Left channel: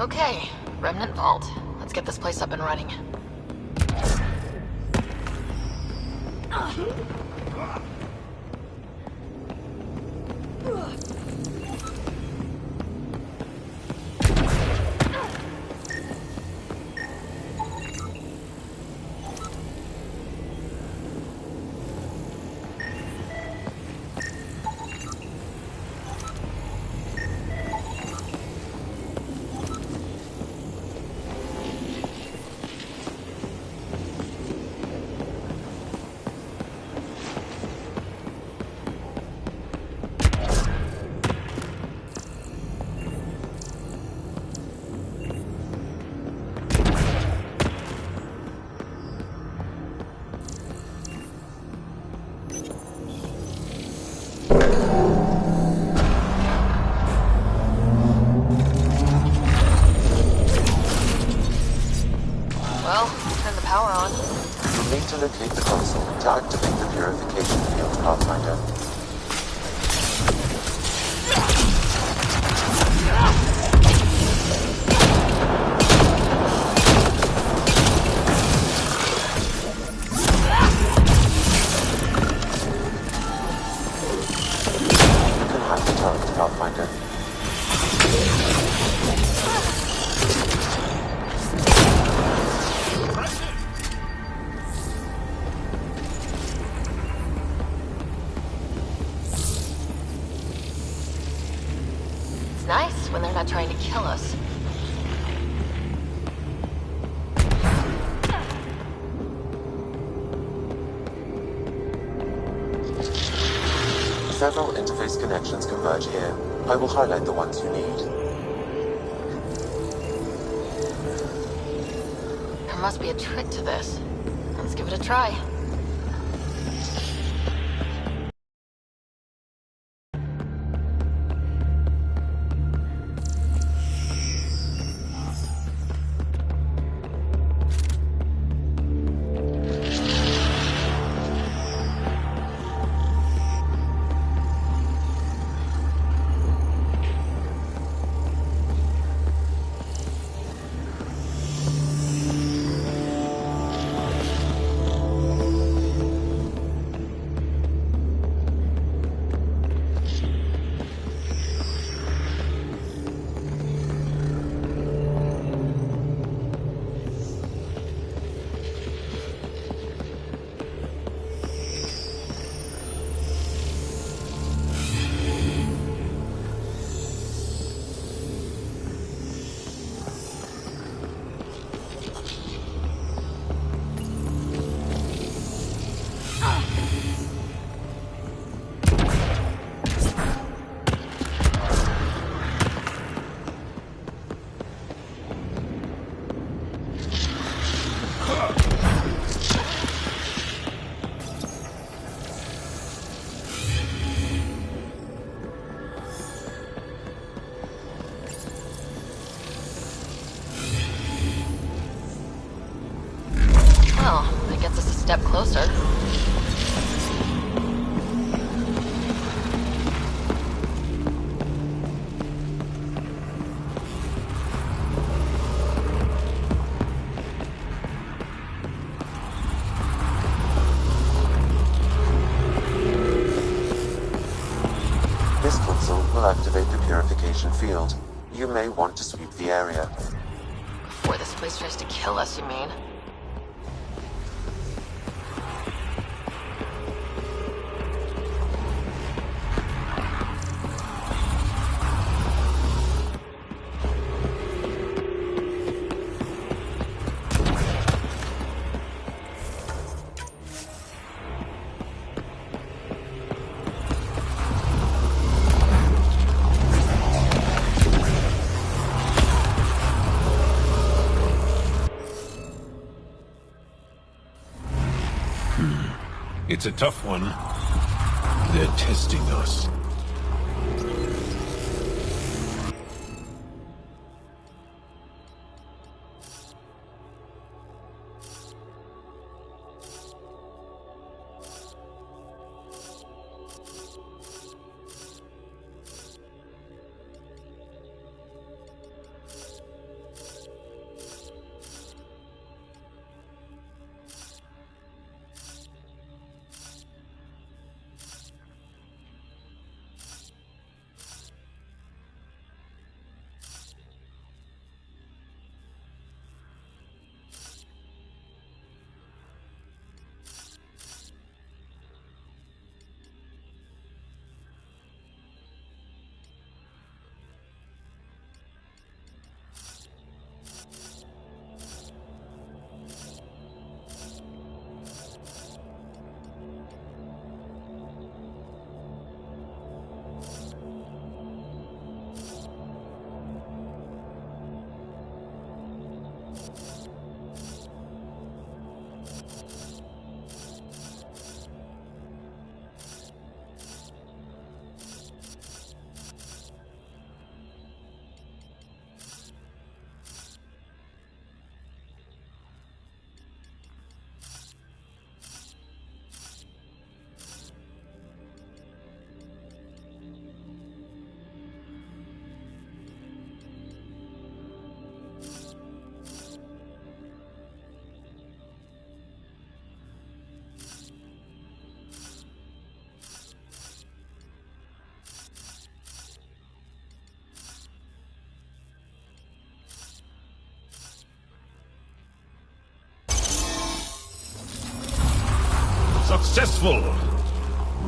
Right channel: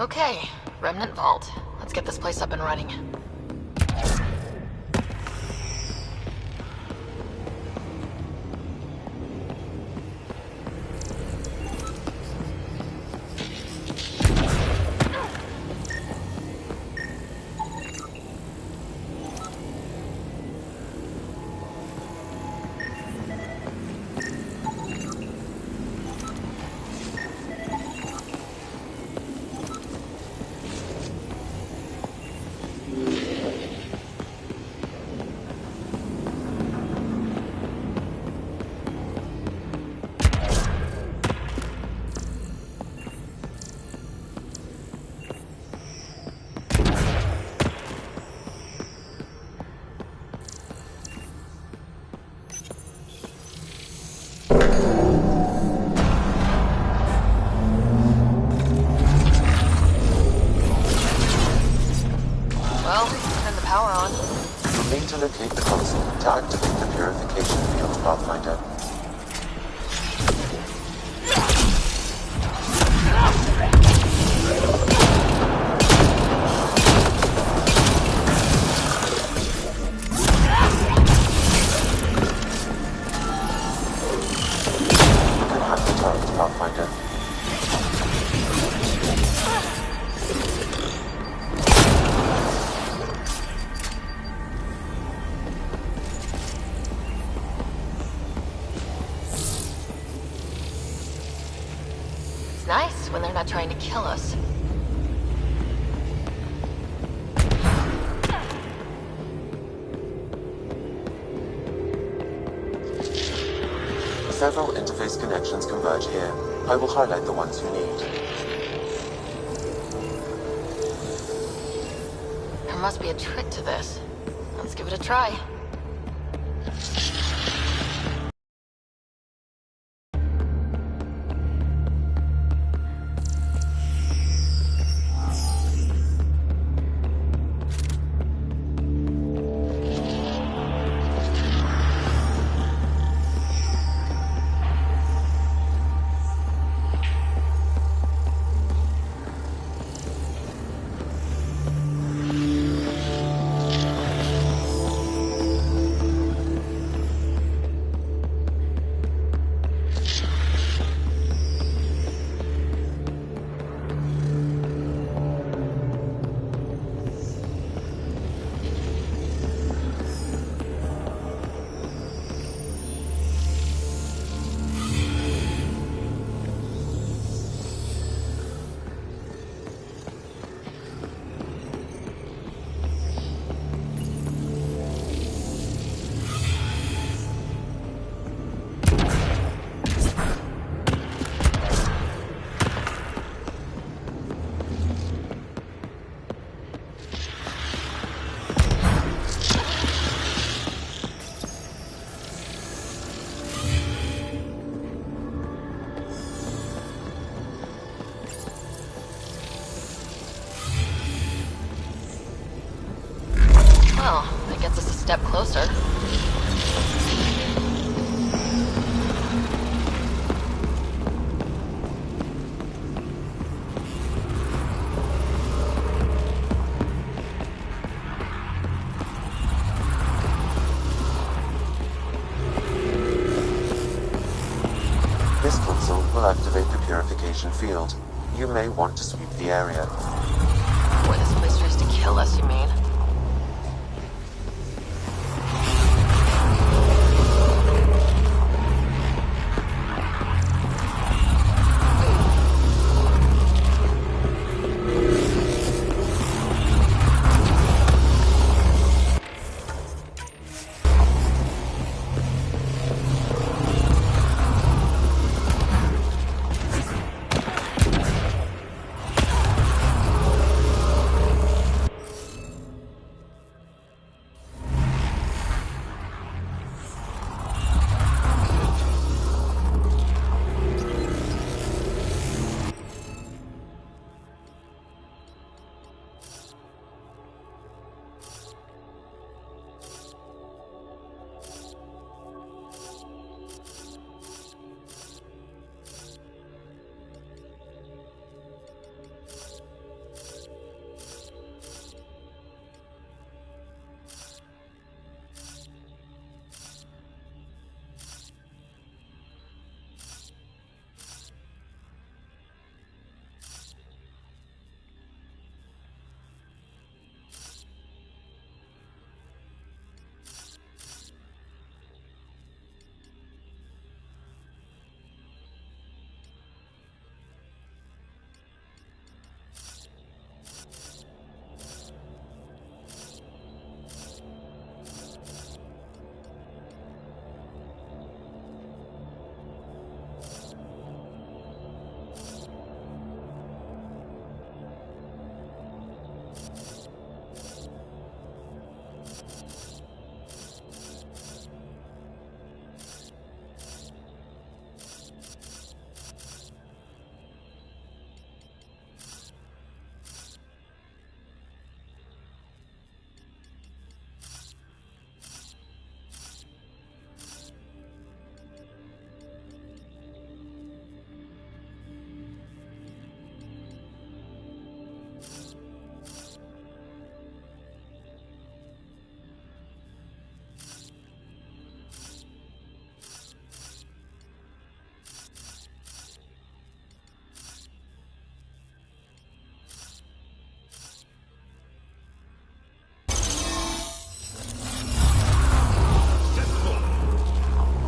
Okay, Remnant Vault. Let's get this place up and running. Well, turn the power on. You'll need to locate the console to activate the purification field, Pathfinder. You can hack the turret, Pathfinder. Nice when they're not trying to kill us. Several interface connections converge here. I will highlight the ones you need. There must be a trick to this. Let's give it a try. Well, that gets us a step closer. This console will activate the purification field. You may want to sweep the area. Boy, this place tries to kill us, you mean? It's a tough one. They're testing us.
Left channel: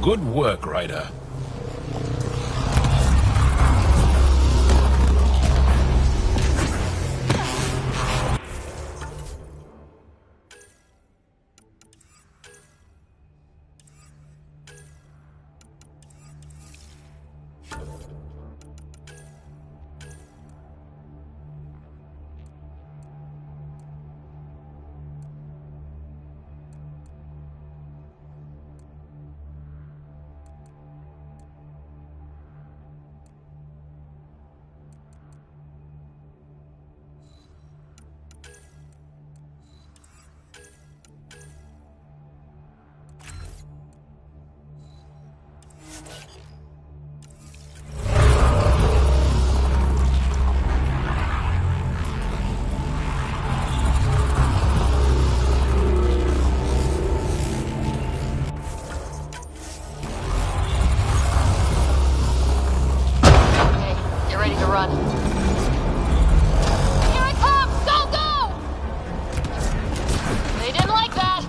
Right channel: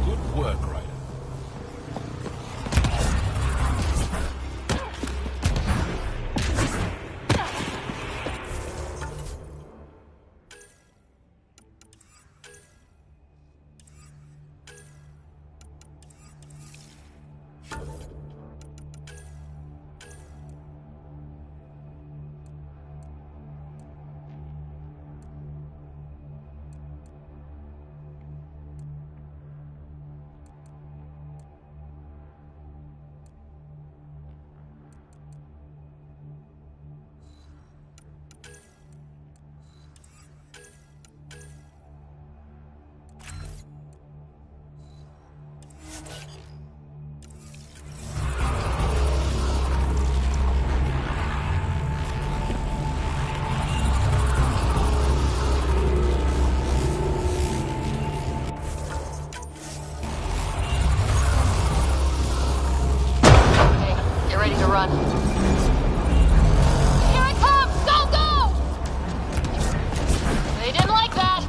Good work, Ryder. Run. Here it comes! Go, go! They didn't like that.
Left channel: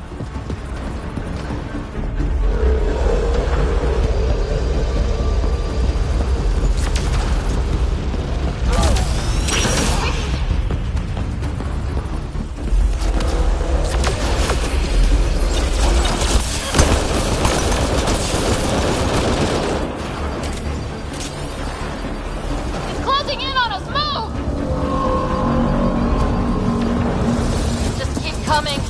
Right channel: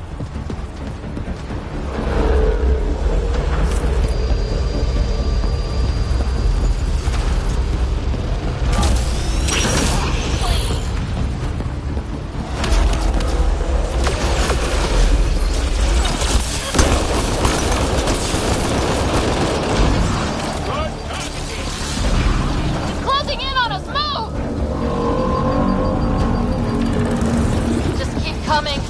Coming.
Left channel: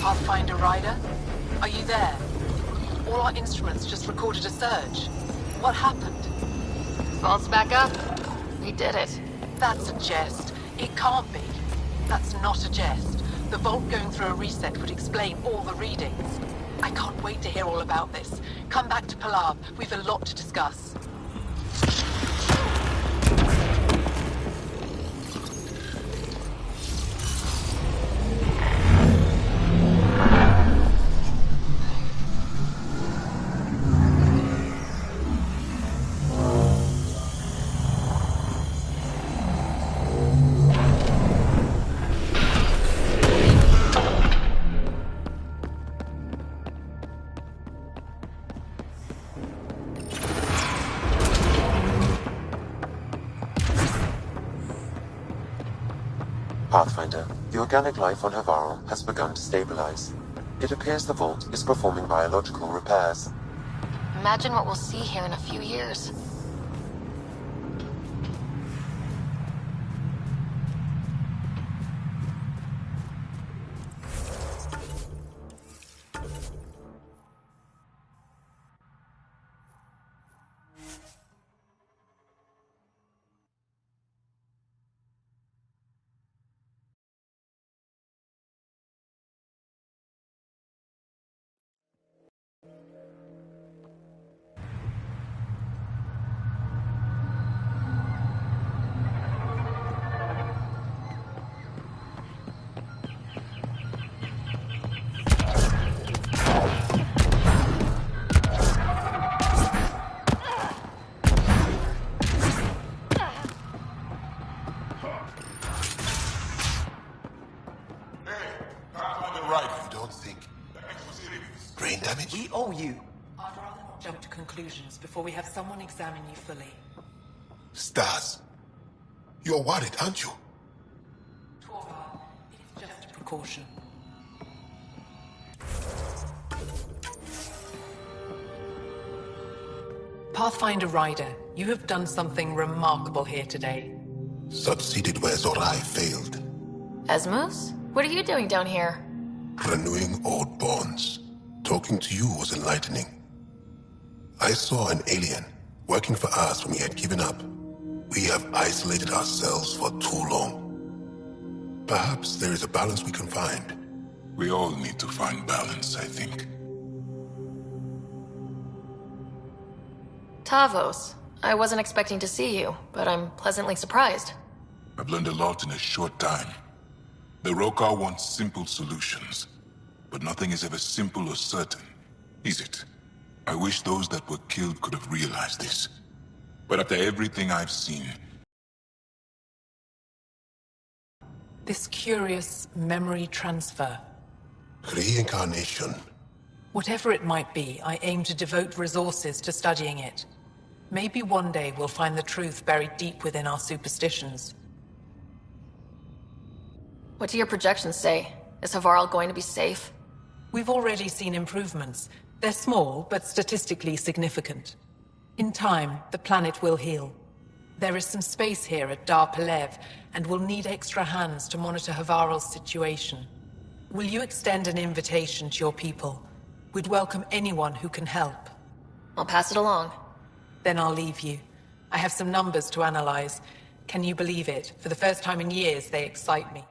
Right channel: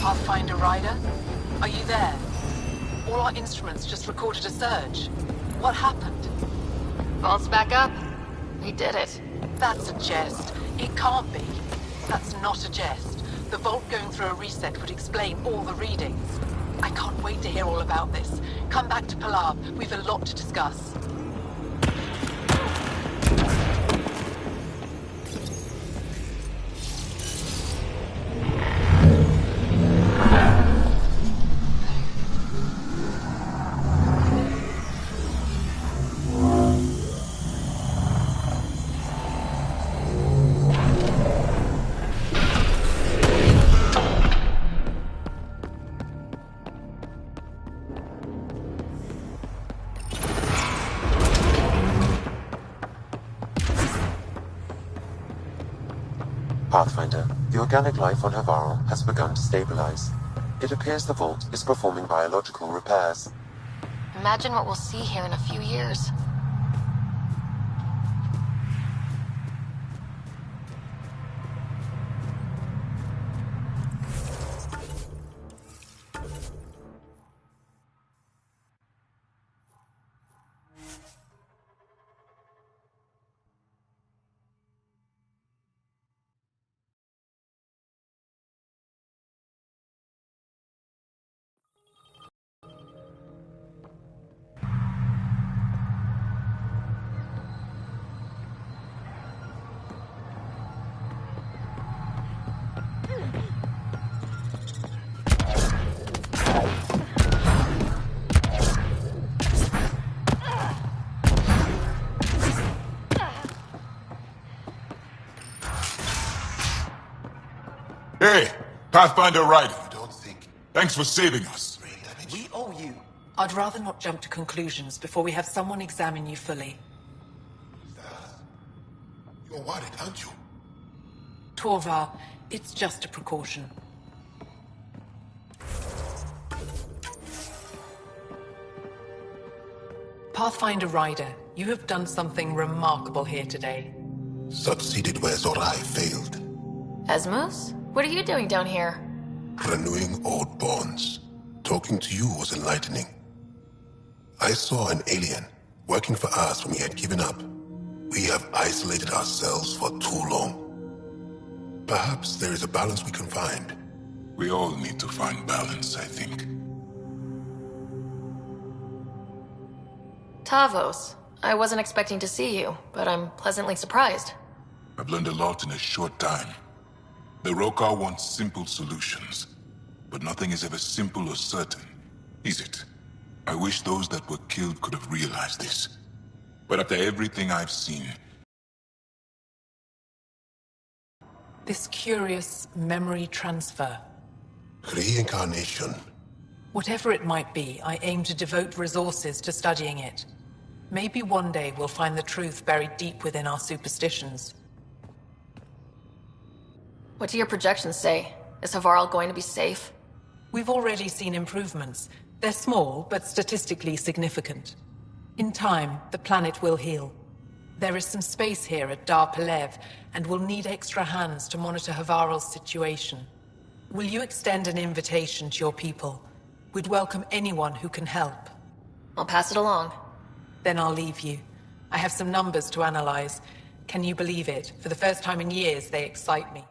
Pathfinder Ryder? Are you there? All our instruments just recorded a surge. What happened? Vault's back up. We did it. That's a jest. It can't be. That's not a jest. The vault going through a reset would explain all the readings. I can't wait to hear all about this. Come back to Pallav. We've a lot to discuss. Pathfinder, the organic life on Havarl has begun to stabilize. It appears the vault is performing biological repairs. Imagine what we'll see here in a few years. Hey, Pathfinder Ryder. You don't think... Thanks for saving us. Brain damage? We owe you. I'd rather not jump to conclusions before we have someone examine you fully. Stars. You're worried, aren't you? Torvar, it's just a precaution. Pathfinder Ryder, you have done something remarkable here today. Succeeded where Zorai failed. Asmus? What are you doing down here? Renewing old bonds. Talking to you was enlightening. I saw an alien working for us when we had given up. We have isolated ourselves for too long. Perhaps there is a balance we can find. We all need to find balance, I think. Tavos. I wasn't expecting to see you, but I'm pleasantly surprised. I've learned a lot in a short time. The Rokar wants simple solutions, but nothing is ever simple or certain, is it? I wish those that were killed could have realized this. But after everything I've seen, This curious memory transfer. Reincarnation. Whatever it might be, I aim to devote resources to studying it. Maybe one day we'll find the truth buried deep within our superstitions. What do your projections say? Is Havarl going to be safe? We've already seen improvements. They're small, but statistically significant. In time, the planet will heal. There is some space here at Dar Pelev, and we'll need extra hands to monitor Havarl's situation. Will you extend an invitation to your people? We'd welcome anyone who can help. I'll pass it along. Then I'll leave you. I have some numbers to analyze. Can you believe it? For the first time in years, they excite me.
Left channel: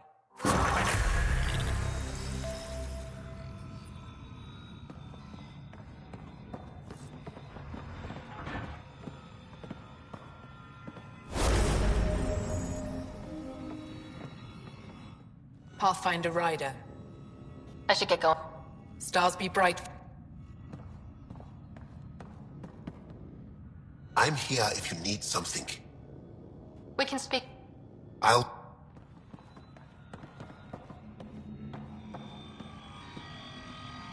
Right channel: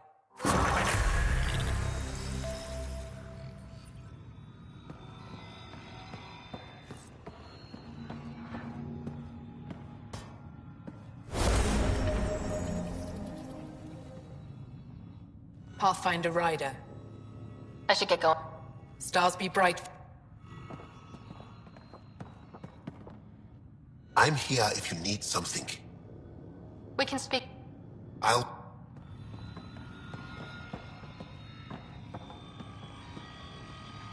Pathfinder Rider. I should get going. Stars be bright. I'm here if you need something. We can speak. I'll...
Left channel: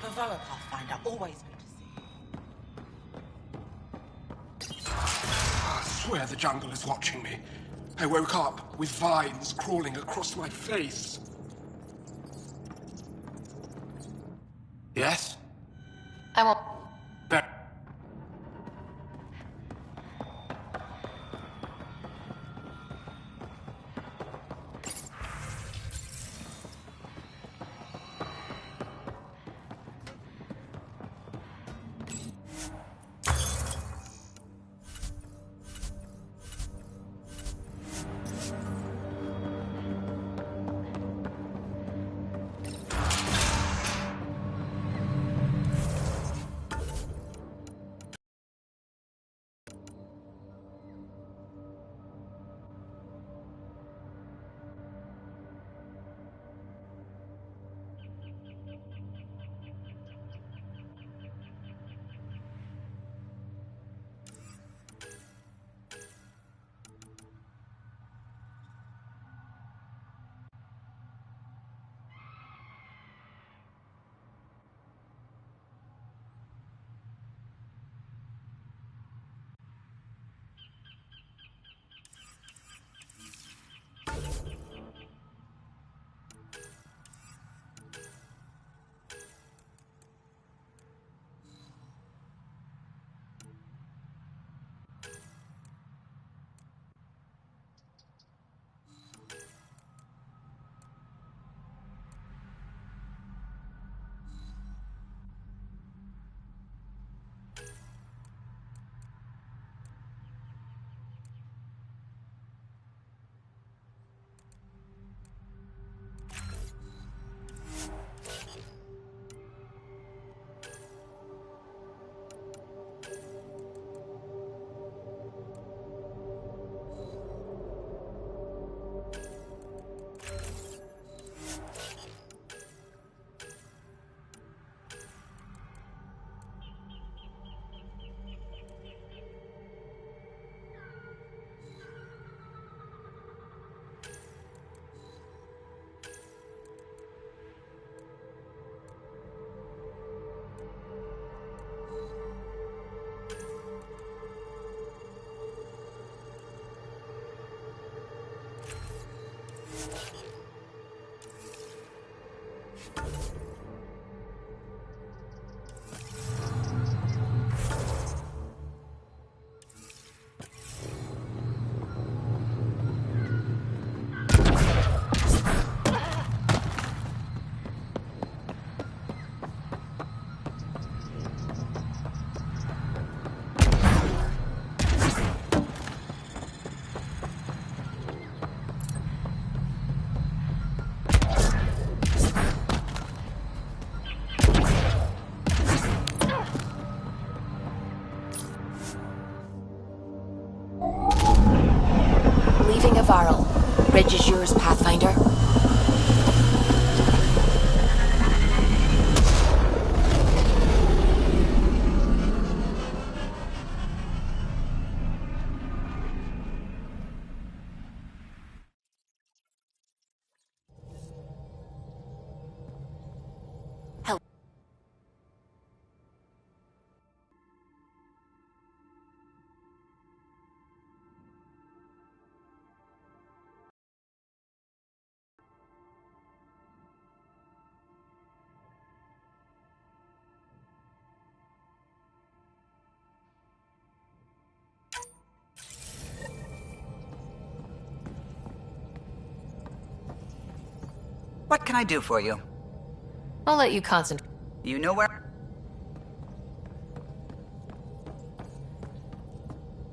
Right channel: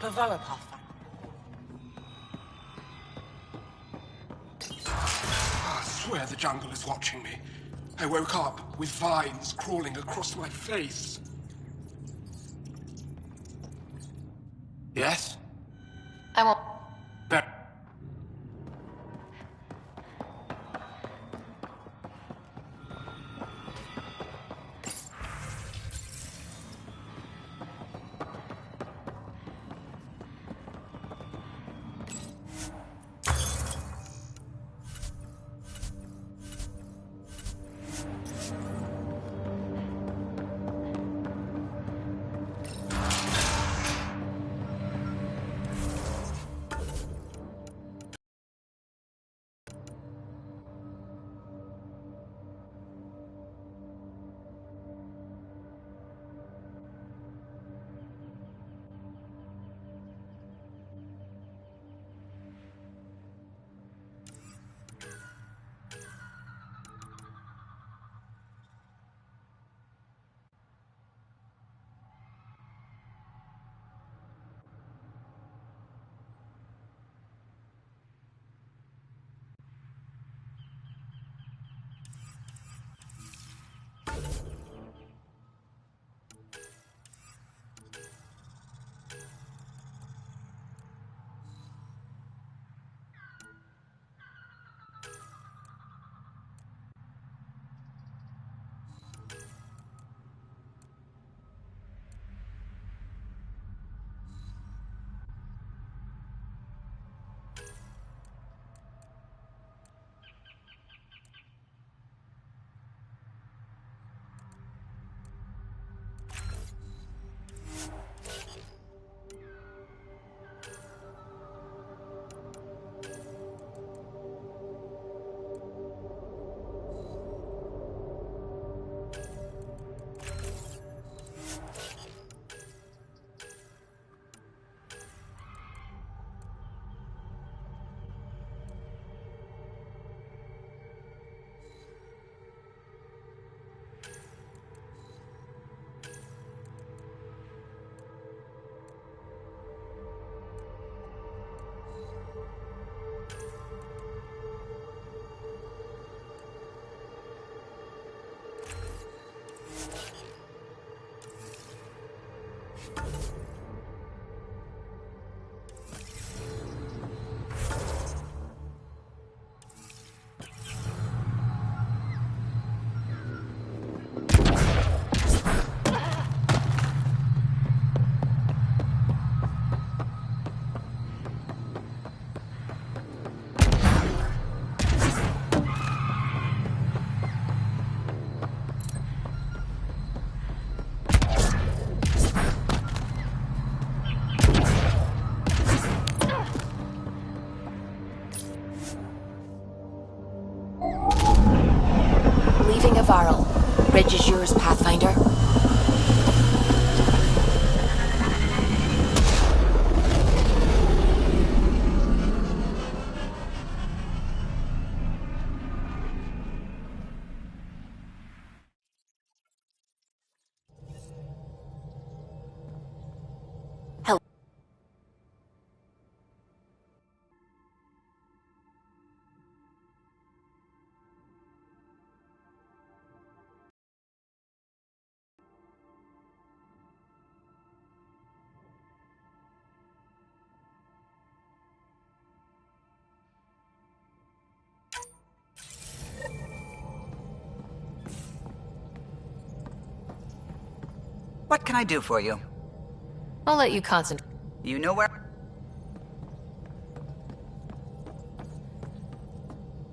Pavoa Pathfinder, always. I swear the jungle is watching me. I woke up with vines crawling across my face. Yes? I won't. Be- Leaving Havarl. Bridge is yours, Pathfinder. What can I do for you? I'll let you concentrate. You know where?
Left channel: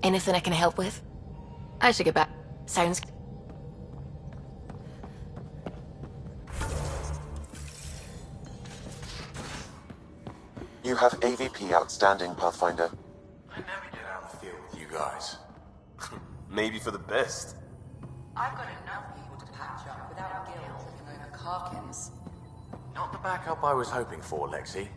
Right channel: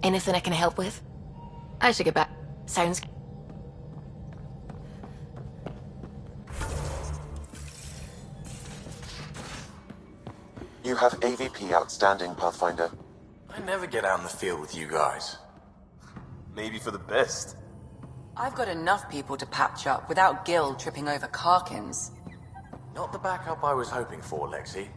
Anything I can help with? I should get back. Sounds... You have AVP outstanding, Pathfinder. I never get out in the field with you guys. Maybe for the best. I've got enough people to patch up without Gil tripping over Karkins. Not the backup I was hoping for, Lexi.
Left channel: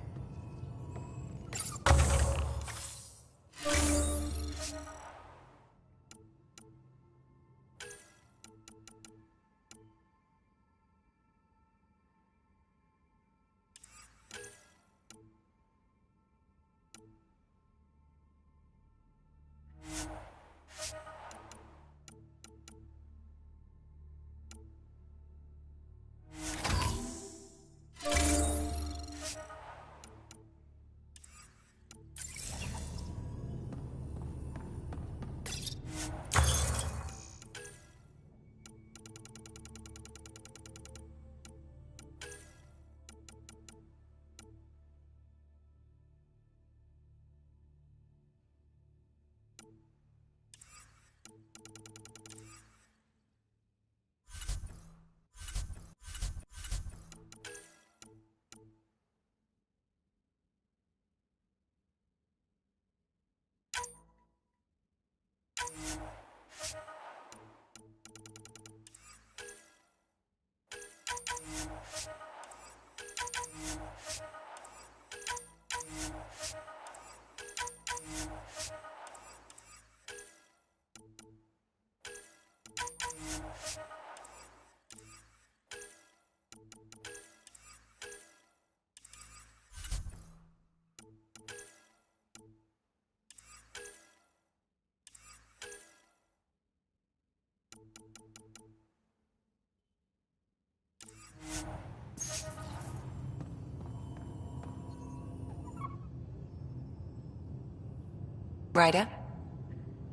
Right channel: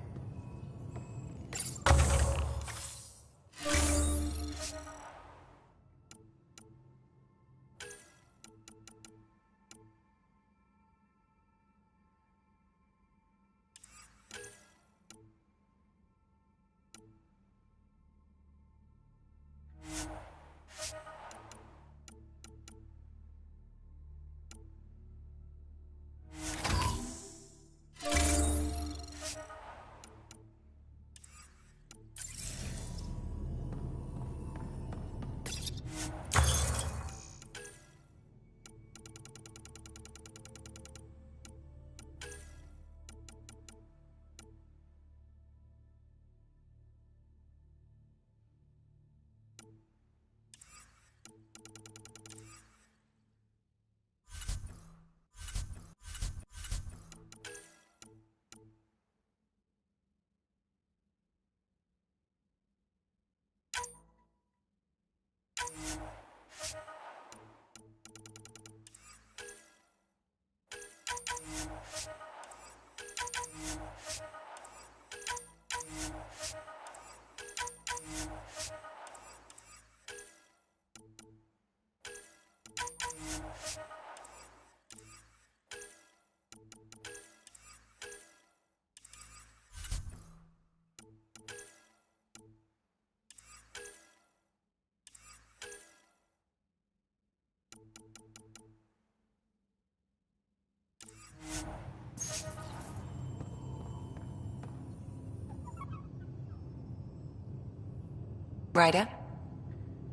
Ryder?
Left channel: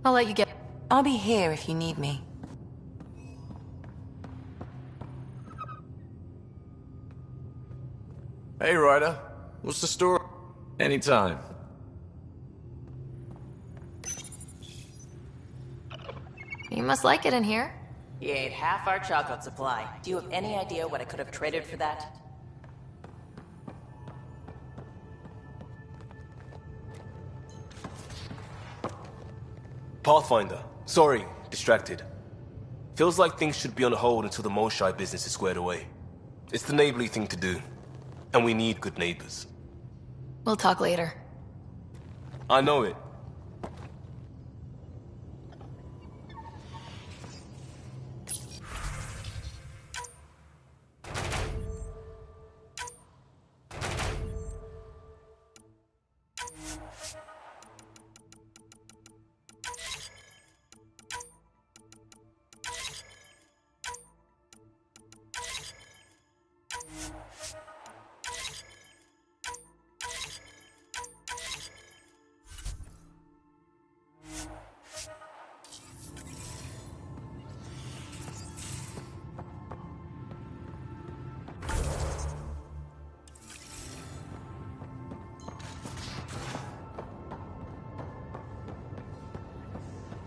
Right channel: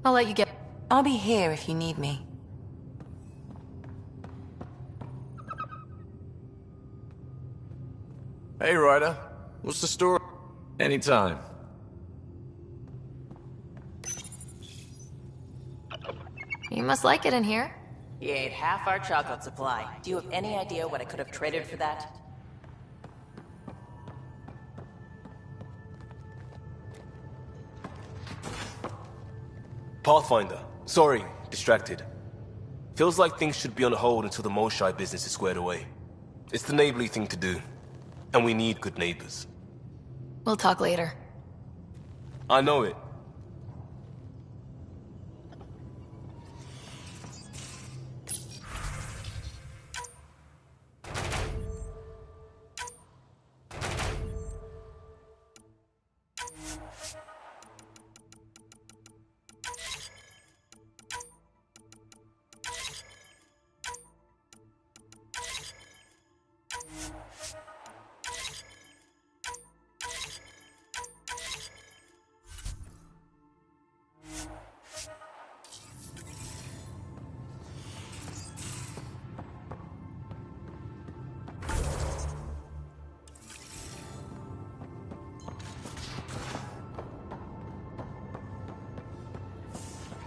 I'll let you get... I'll be here if you need me. Hey, Ryder. What's the story? Anytime. You must like it in here. You ate half our chocolate supply. Do you have any idea what I could have traded for that? Pathfinder. Sorry, distracted. Feels like things should be on hold until the Moshai business is squared away. It's the neighborly thing to do. And we need good neighbors. We'll talk later. I know it.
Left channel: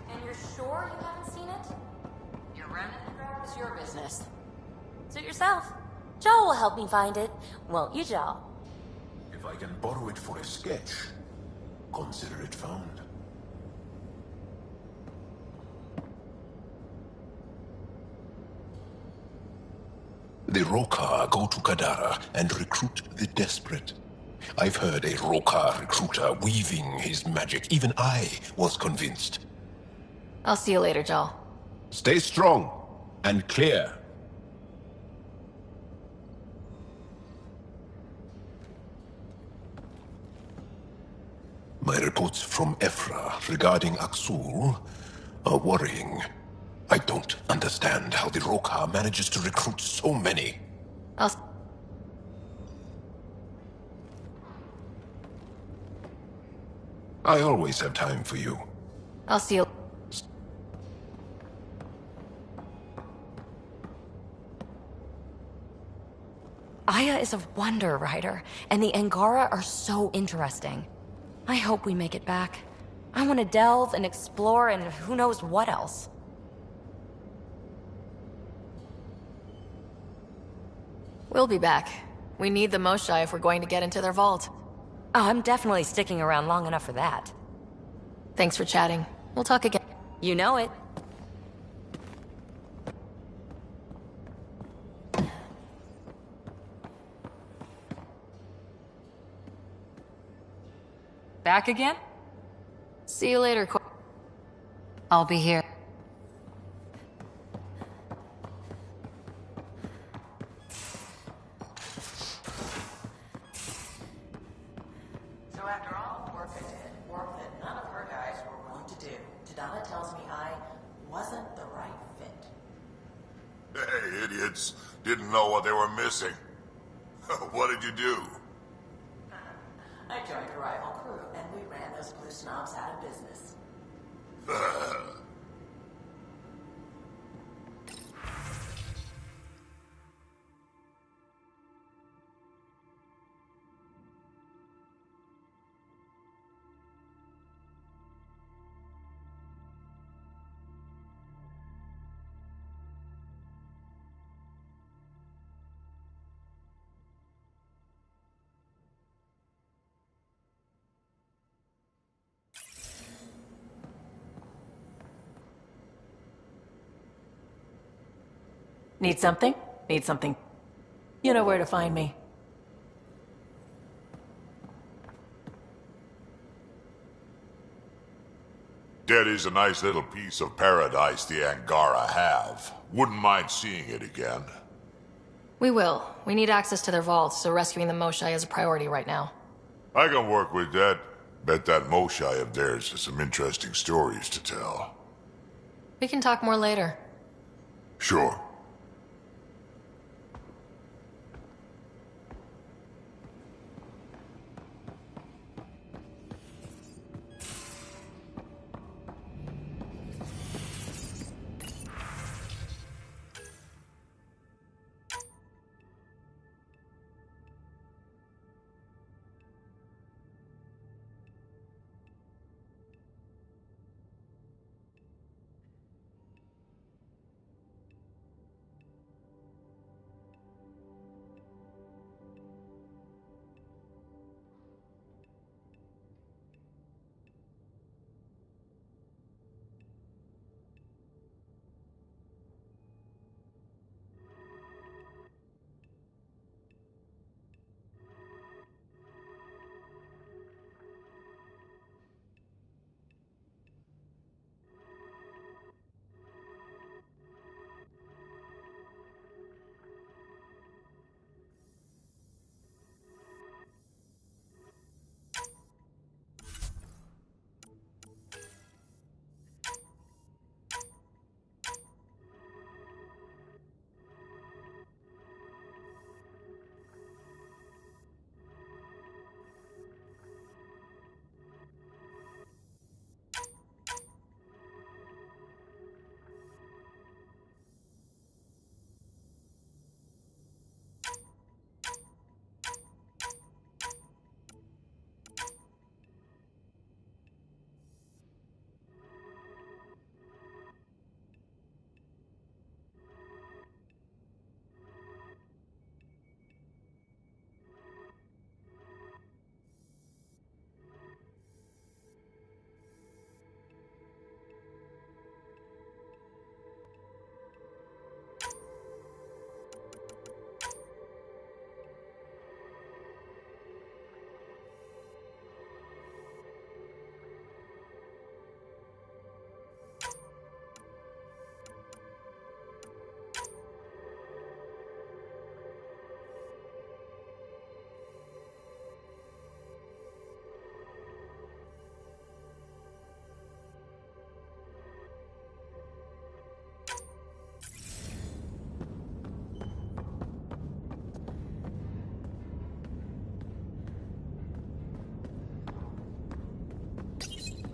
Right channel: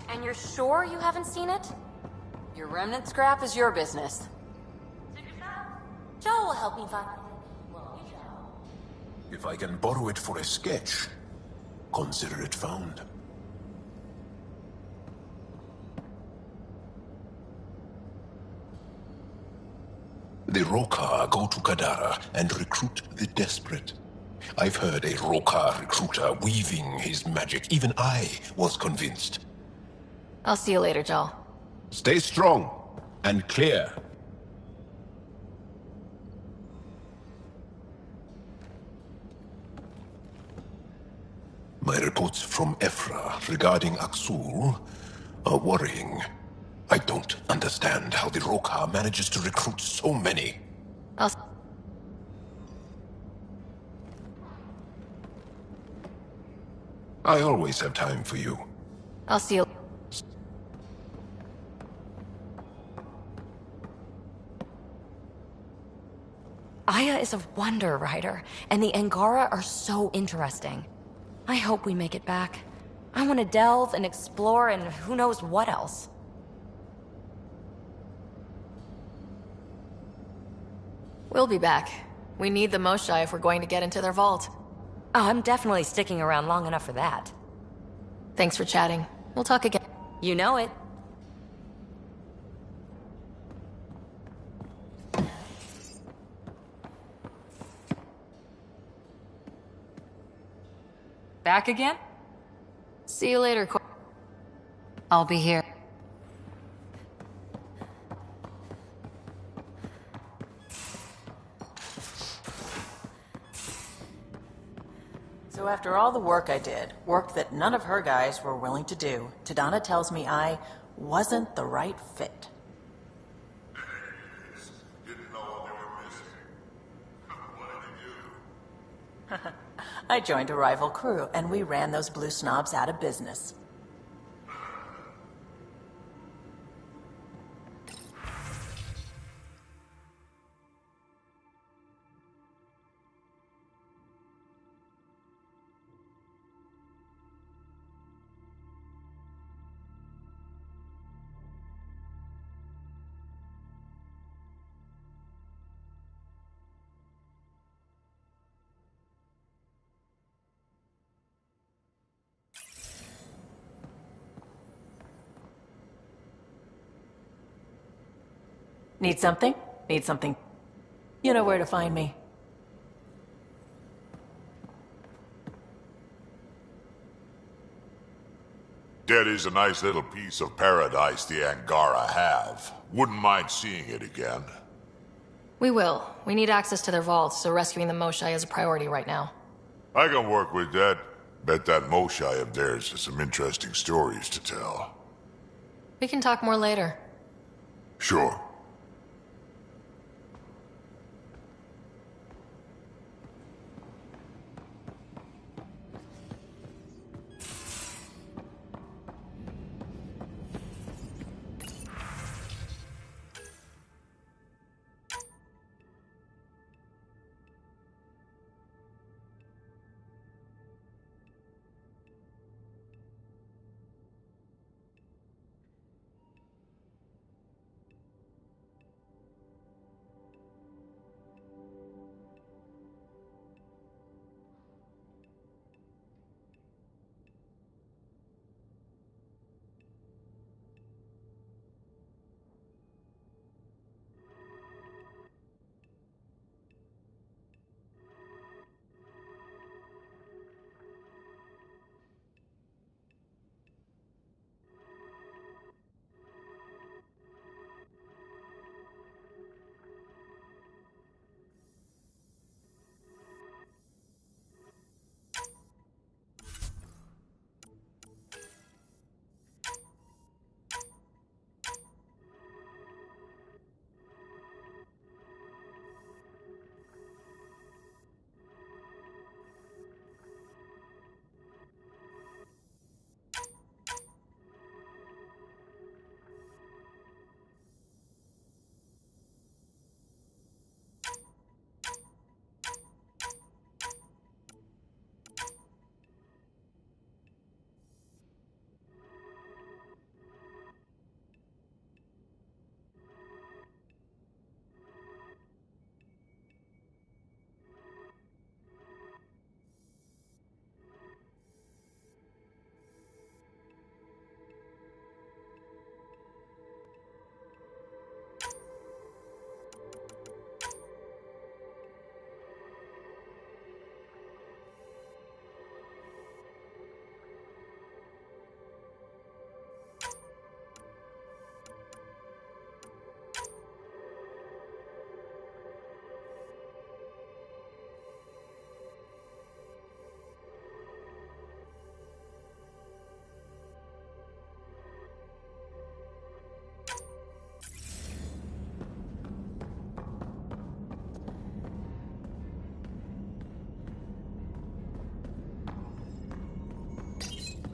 And you're sure you haven't seen it? Your remnant scrap is your business. Suit yourself. Joel will help me find it. Won't you, Joel? If I can borrow it for a sketch, consider it found. The Rokar go to Kadara and recruit the desperate. I've heard a Rokar recruiter weaving his magic. Even I was convinced. I'll see you later, Joel. Stay strong and clear. My reports from Ephra regarding Aksul are worrying. I don't understand how the Rokar manages to recruit so many. I always have time for you. I'll see you. Aya is a wonder, Ryder, and the Angara are so interesting. I hope we make it back. I want to delve and explore and who knows what else. We'll be back. We need the Moshae if we're going to get into their vault. Oh, I'm definitely sticking around long enough for that. Thanks for chatting. We'll talk again. You know it. Back again? See you later, I'll be here. So after all the work I did, work that none of her guys were willing to do, Tadana tells me I wasn't the right fit. Hey, idiots. Didn't know what they were missing. What did you do? I joined a rival crew, and we ran those blue snobs out of business. Need something? Need something. You know where to find me. Daddy's a nice little piece of paradise the Angara have. Wouldn't mind seeing it again. We will. We need access to their vaults, so rescuing the Moshae is a priority right now. I can work with that. Bet that Moshae of theirs has some interesting stories to tell. We can talk more later. Sure.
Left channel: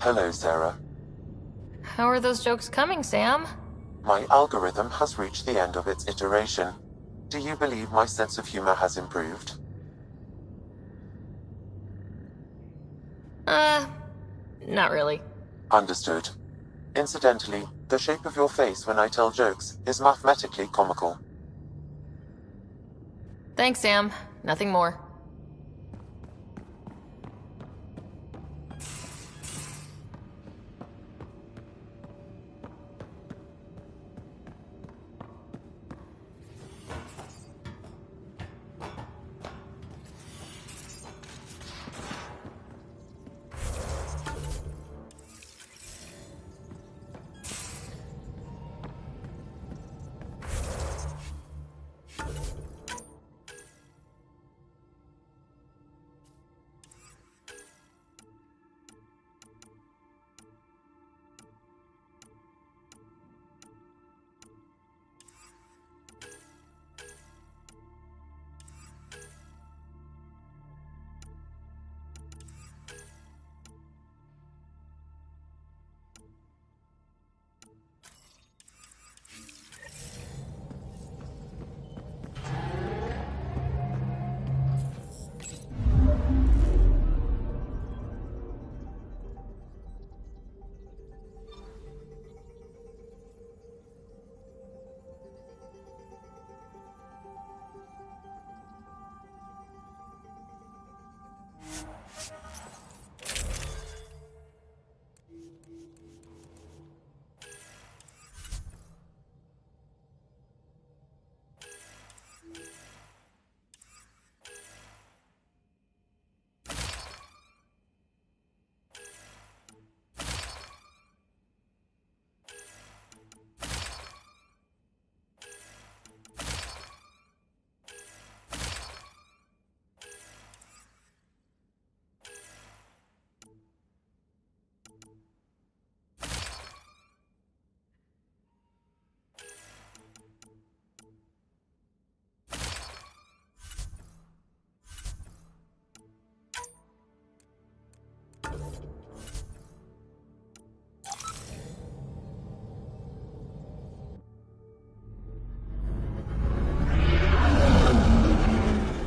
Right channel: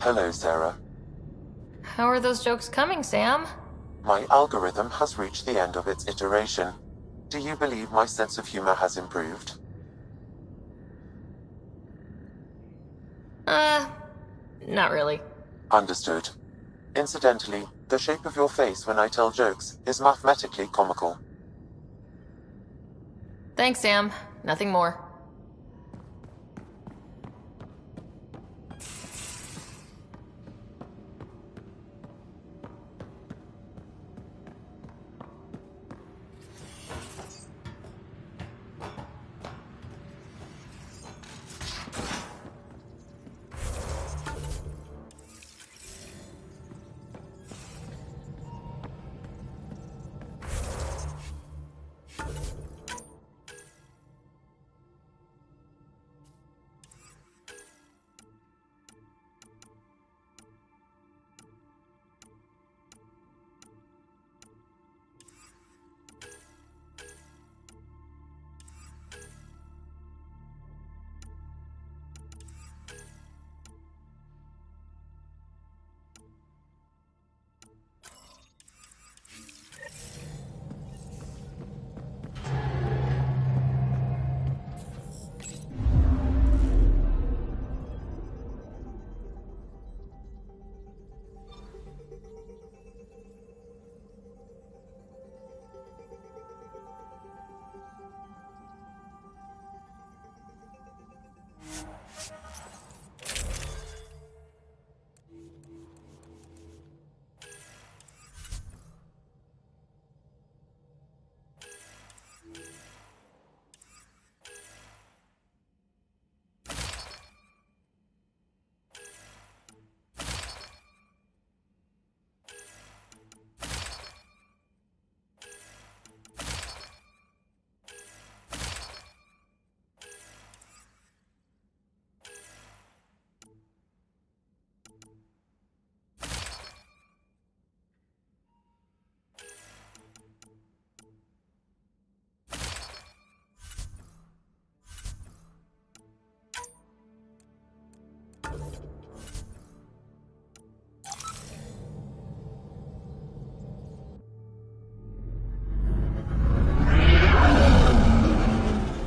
Hello, Sarah. How are those jokes coming, Sam? My algorithm has reached the end of its iteration. Do you believe my sense of humor has improved? Not really. Understood. Incidentally, the shape of your face when I tell jokes is mathematically comical. Thanks, Sam. Nothing more.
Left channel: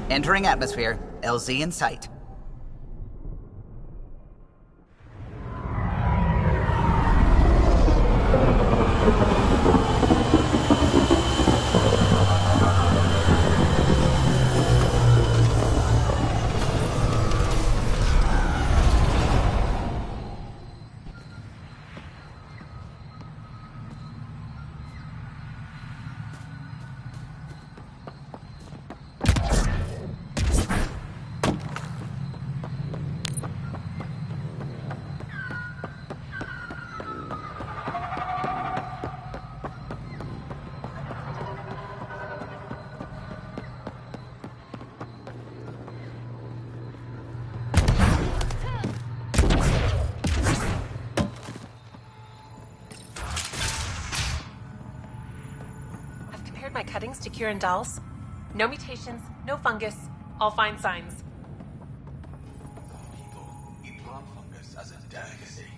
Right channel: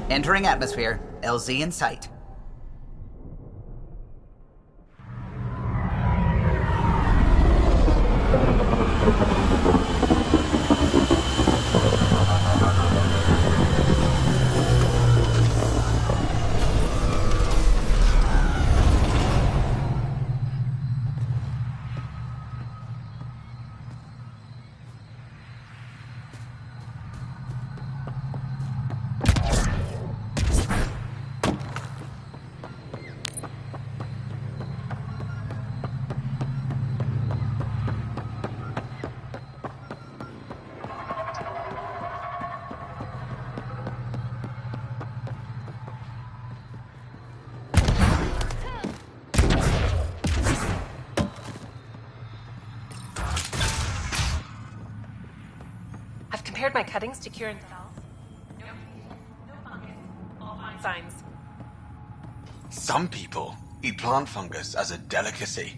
Entering atmosphere. LZ in sight. Compared my cuttings to Kieran Dahl's. No mutations, no fungus, all fine signs. Some people eat plant fungus as a delicacy.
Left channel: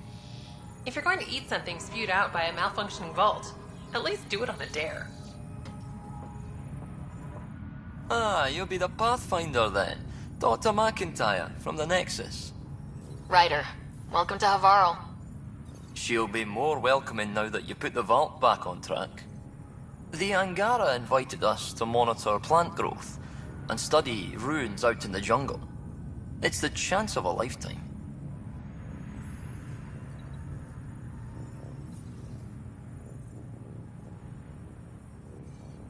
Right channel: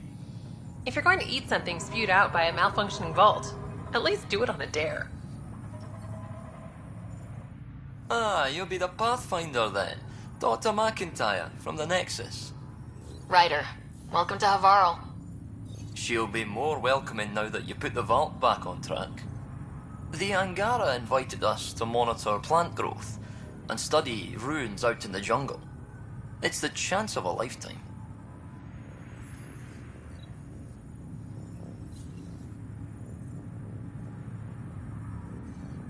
If you're going to eat something spewed out by a malfunctioning vault, at least do it on a dare. Ah, you'll be the Pathfinder then. Dr. McIntyre from the Nexus. Ryder, welcome to Havarl. She'll be more welcoming now that you put the vault back on track. The Angara invited us to monitor plant growth and study ruins out in the jungle. It's the chance of a lifetime.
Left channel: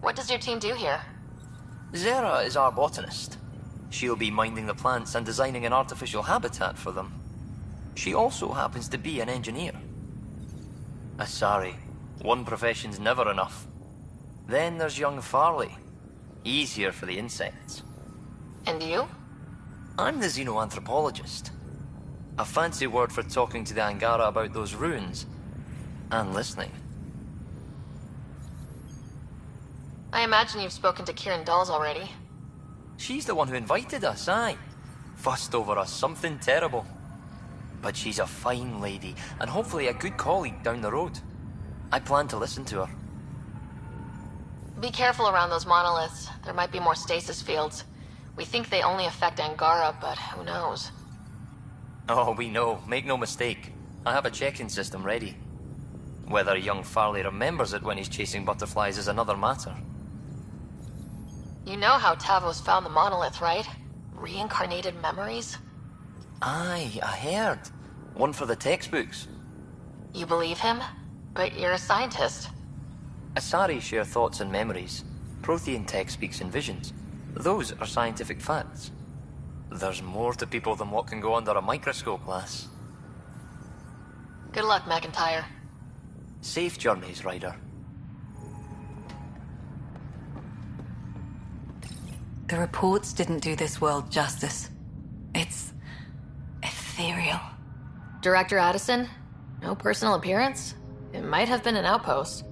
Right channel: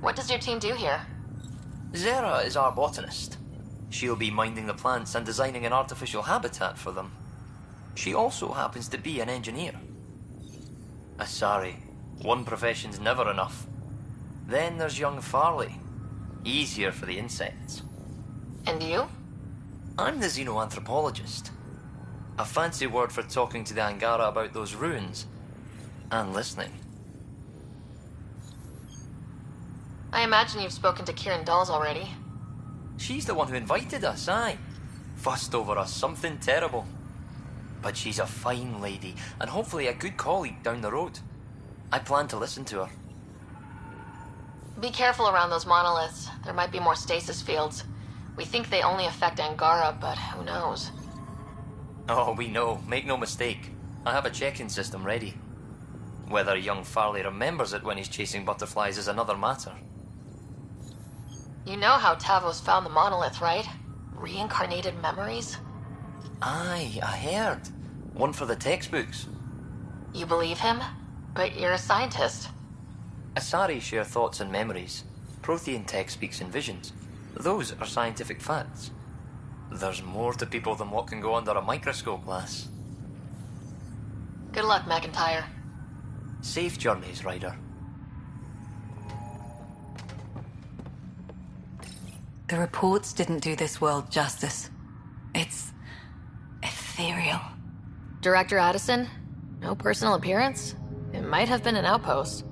What does your team do here? Zera is our botanist. She'll be minding the plants and designing an artificial habitat for them. She also happens to be an engineer. Sorry, one profession's never enough. Then there's young Farley. Easier for the insects. And you? I'm the xenoanthropologist. A fancy word for talking to the Angara about those ruins. And listening. I imagine you've spoken to Kieran Dawes already. She's the one who invited us, aye. Fussed over us something terrible. But she's a fine lady, and hopefully a good colleague down the road. I plan to listen to her. Be careful around those monoliths. There might be more stasis fields. We think they only affect Angara, but who knows? Oh, we know. Make no mistake. I have a check-in system ready. Whether young Farley remembers it when he's chasing butterflies is another matter. You know how Tavos found the monolith, right? Reincarnated memories? Aye, I heard. One for the textbooks. You believe him? But you're a scientist. Asari share thoughts and memories. Prothean tech speaks in visions. Those are scientific facts. There's more to people than what can go under a microscope, lass. Good luck, McIntyre. Safe journeys, Ryder. The reports didn't do this world justice. It's ethereal. Director Addison? No personal appearance? It might have been an outpost.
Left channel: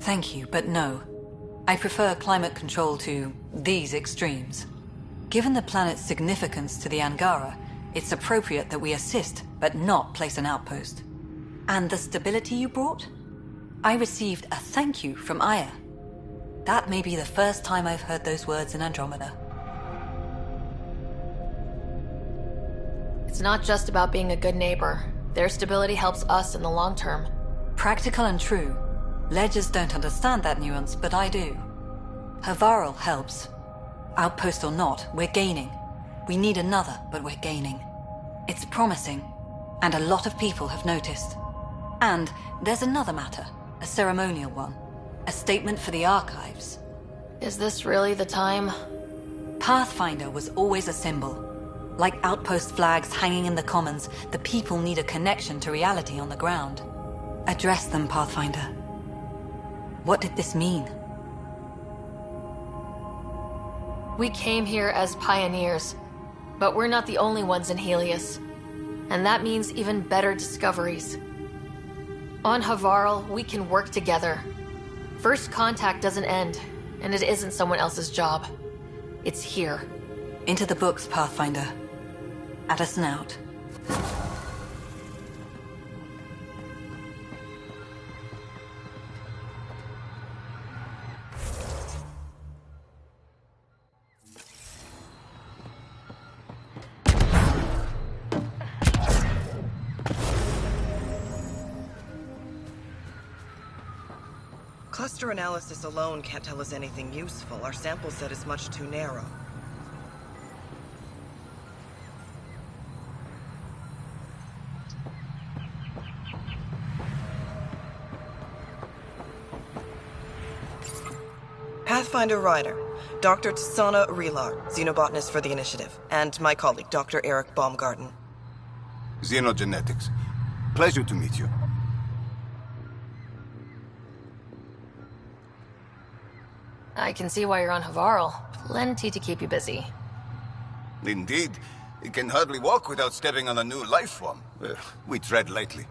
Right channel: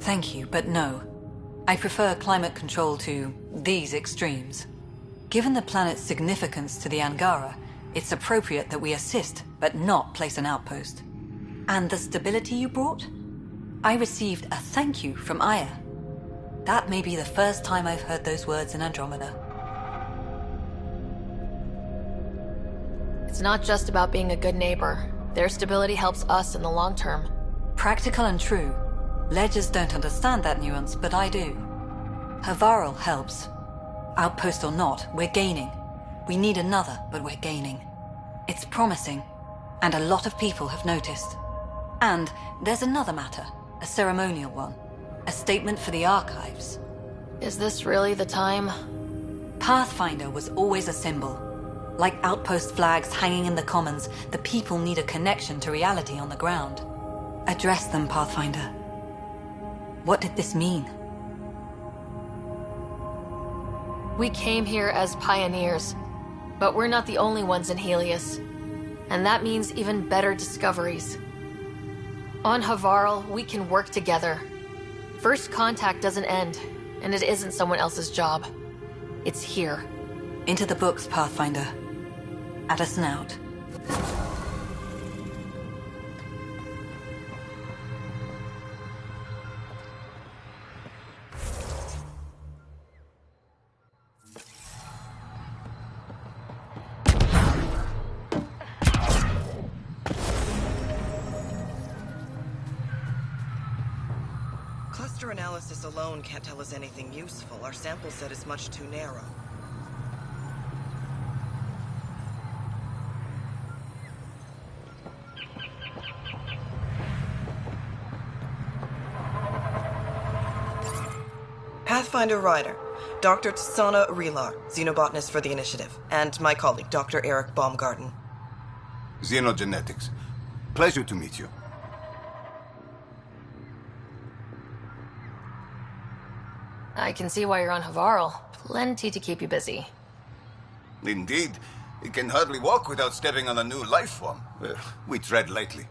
Thank you, but no. I prefer climate control to these extremes. Given the planet's significance to the Angara, it's appropriate that we assist, but not place an outpost. And the stability you brought? I received a thank you from Aya. That may be the first time I've heard those words in Andromeda. It's not just about being a good neighbor. Their stability helps us in the long term. Practical and true. Ledgers don't understand that nuance, but I do. Havarl helps. Outpost or not, we're gaining. We need another, but we're gaining. It's promising, and a lot of people have noticed. And there's another matter, a ceremonial one. A statement for the archives. Is this really the time? Pathfinder was always a symbol. Like outpost flags hanging in the commons, the people need a connection to reality on the ground. Address them, Pathfinder. What did this mean? We came here as pioneers, but we're not the only ones in Helios. And that means even better discoveries. On Havarl, we can work together. First contact doesn't end, and it isn't someone else's job. It's here. Into the books, Pathfinder. Addison out. Cluster analysis alone can't tell us anything useful. Our sample set is much too narrow. Pathfinder Ryder, Dr. Tsana Relar, xenobotanist for the Initiative, and my colleague, Dr. Eric Baumgarten. Xenogenetics. Pleasure to meet you. I can see why you're on Havarl. Plenty to keep you busy. Indeed. It can hardly walk without stepping on a new life form. We tread lightly.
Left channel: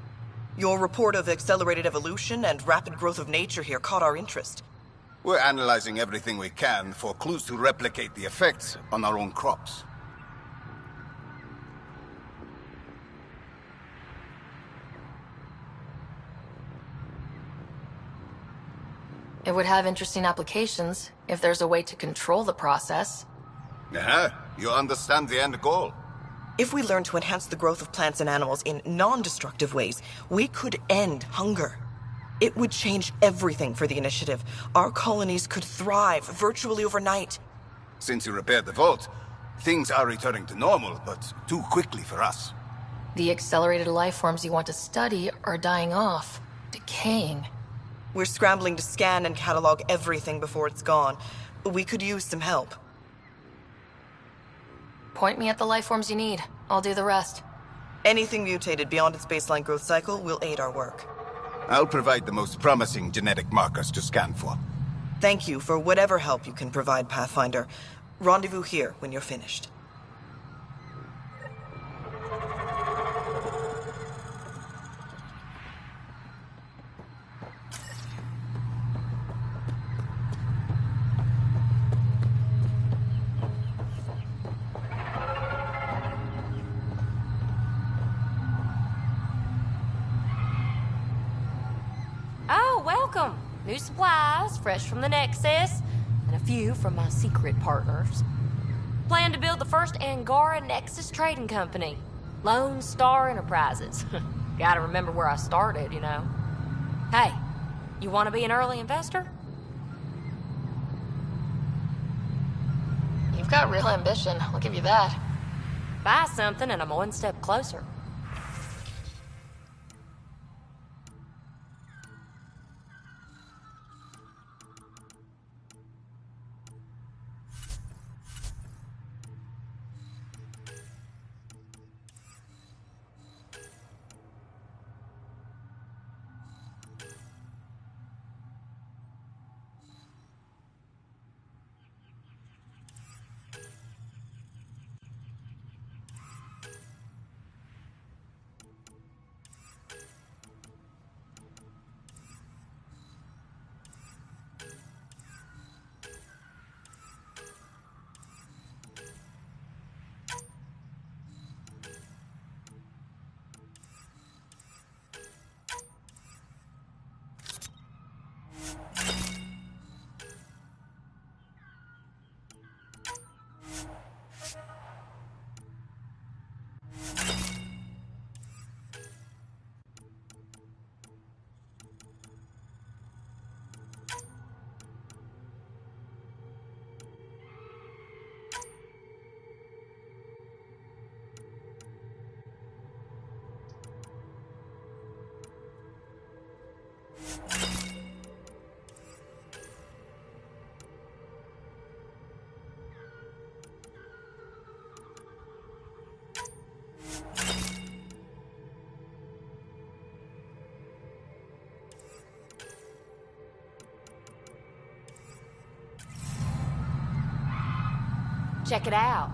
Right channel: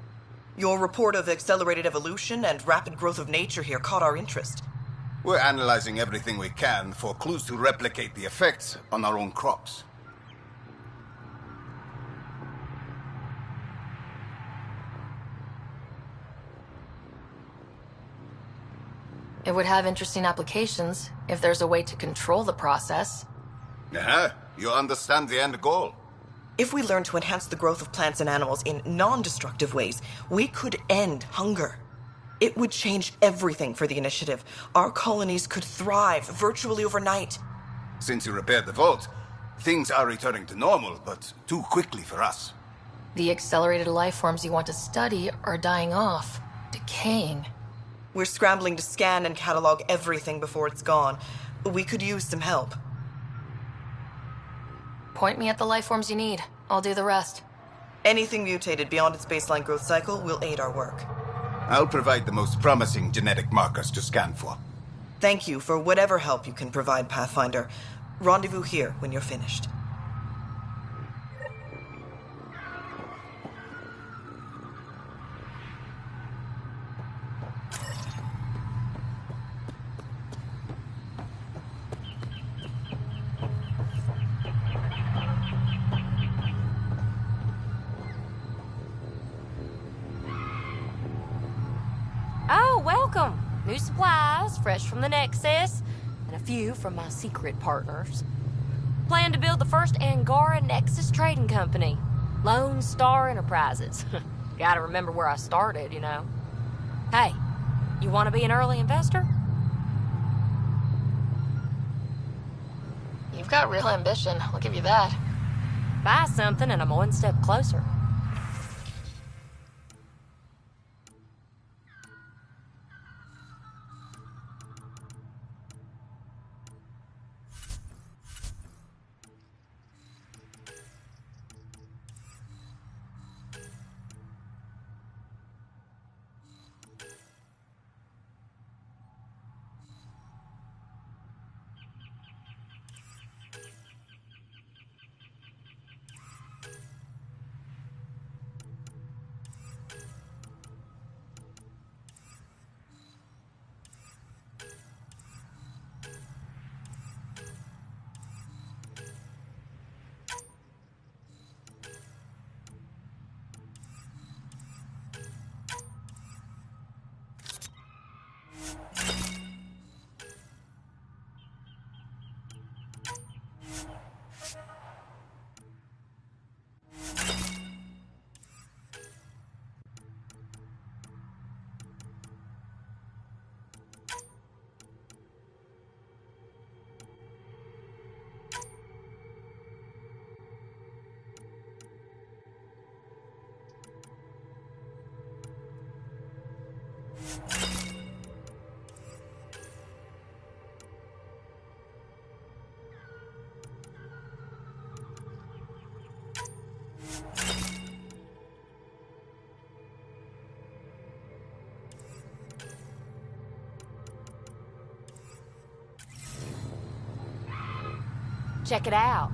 Your report of accelerated evolution and rapid growth of nature here caught our interest. We're analyzing everything we can for clues to replicate the effects on our own crops. It would have interesting applications if there's a way to control the process. You understand the end goal. If we learn to enhance the growth of plants and animals in non-destructive ways, we could end hunger. It would change everything for the Initiative. Our colonies could thrive virtually overnight. Since you repaired the vault, things are returning to normal, but too quickly for us. The accelerated life forms you want to study are dying off, decaying. We're scrambling to scan and catalog everything before it's gone. We could use some help. Point me at the life forms you need. I'll do the rest. Anything mutated beyond its baseline growth cycle will aid our work. I'll provide the most promising genetic markers to scan for. Thank you for whatever help you can provide, Pathfinder. Rendezvous here when you're finished. Oh, welcome. New supplies, fresh from the Nexus, and a few from my secret partners. Plan to build the first Angara Nexus trading company. Lone Star Enterprises. Gotta remember where I started, you know. Hey, you want to be an early investor? You've got real ambition, I'll give you that. Buy something and I'm one step closer. Check it out.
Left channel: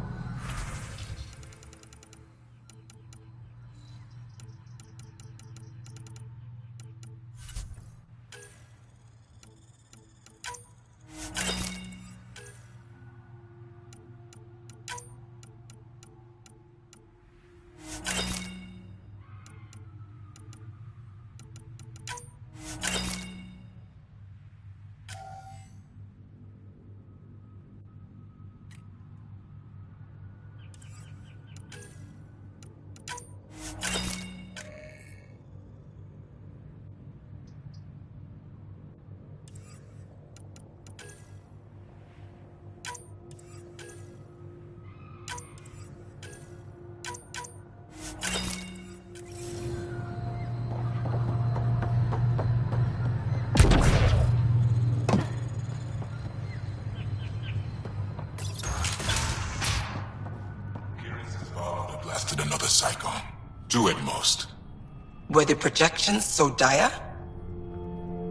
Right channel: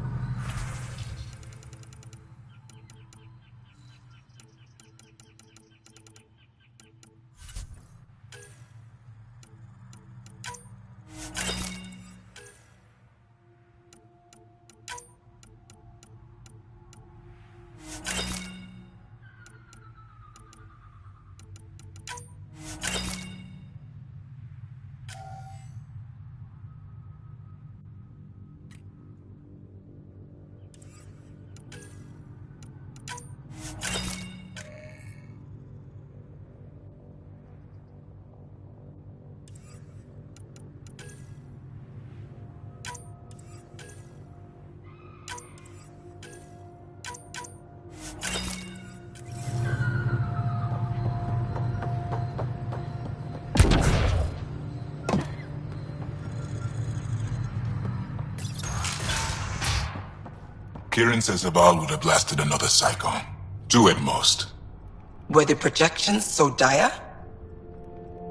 Kieran says Zaval would have lasted another cycle. 2 at most. Were the projections so dire?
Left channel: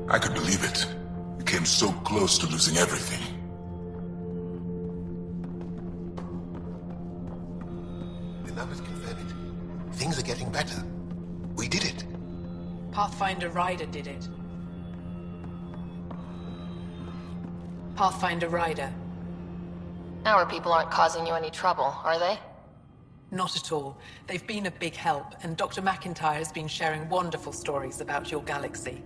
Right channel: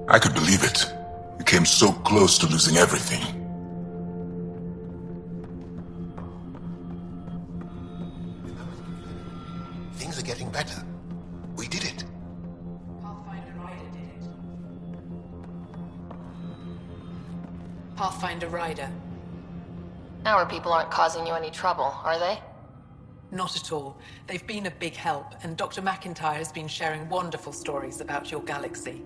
I could believe it. We came so close to losing everything. The numbers confirm it. Things are getting better. We did it. Pathfinder Ryder did it. Pathfinder Ryder. Our people aren't causing you any trouble, are they? Not at all. They've been a big help, and Dr. McIntyre has been sharing wonderful stories about your galaxy.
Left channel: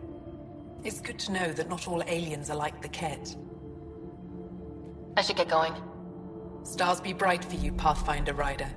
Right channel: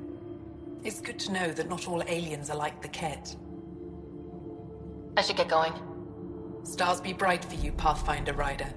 It's good to know that not all aliens are like the Ket. I should get going. Stars be bright for you, Pathfinder Ryder.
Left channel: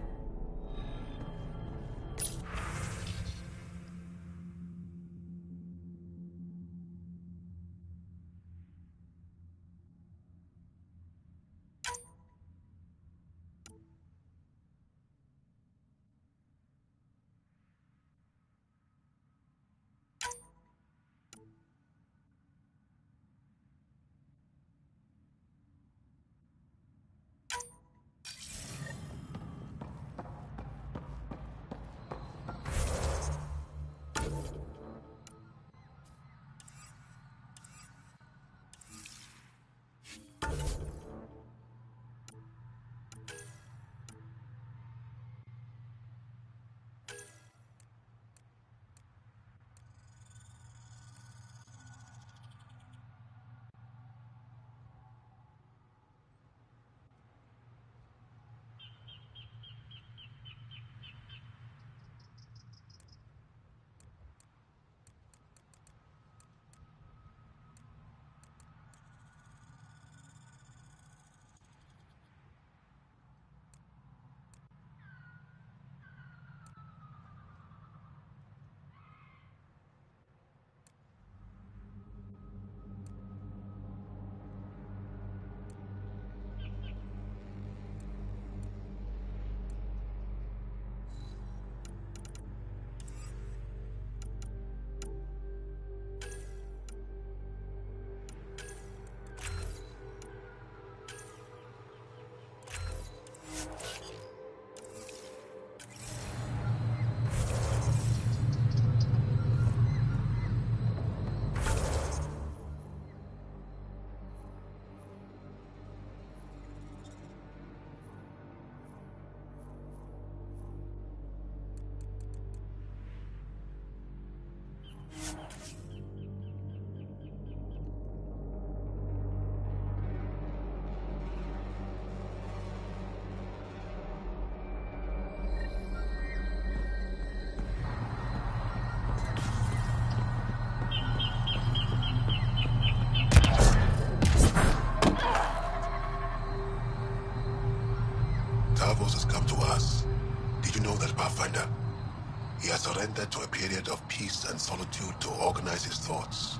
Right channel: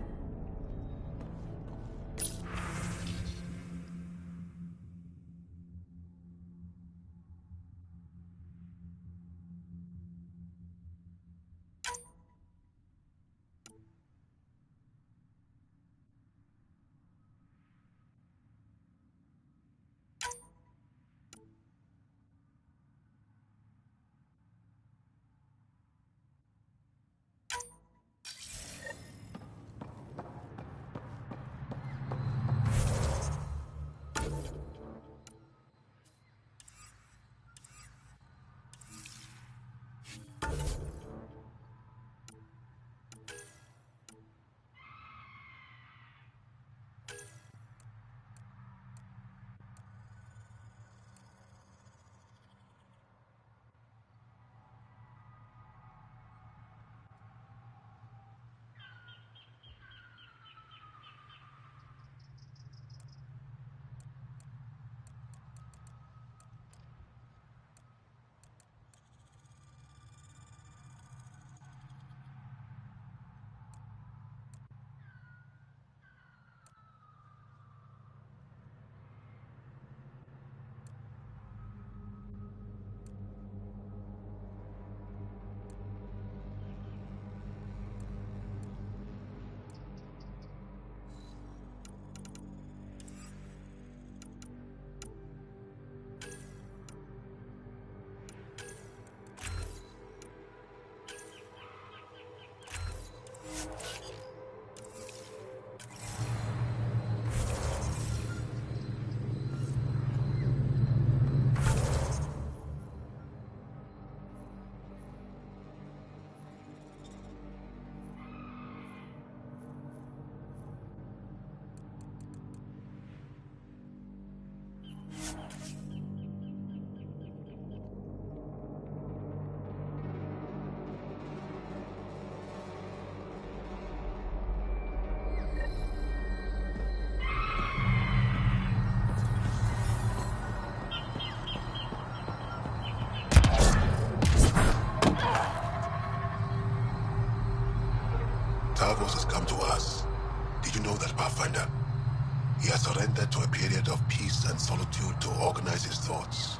surrendered to a period of peace and solitude to organize his thoughts.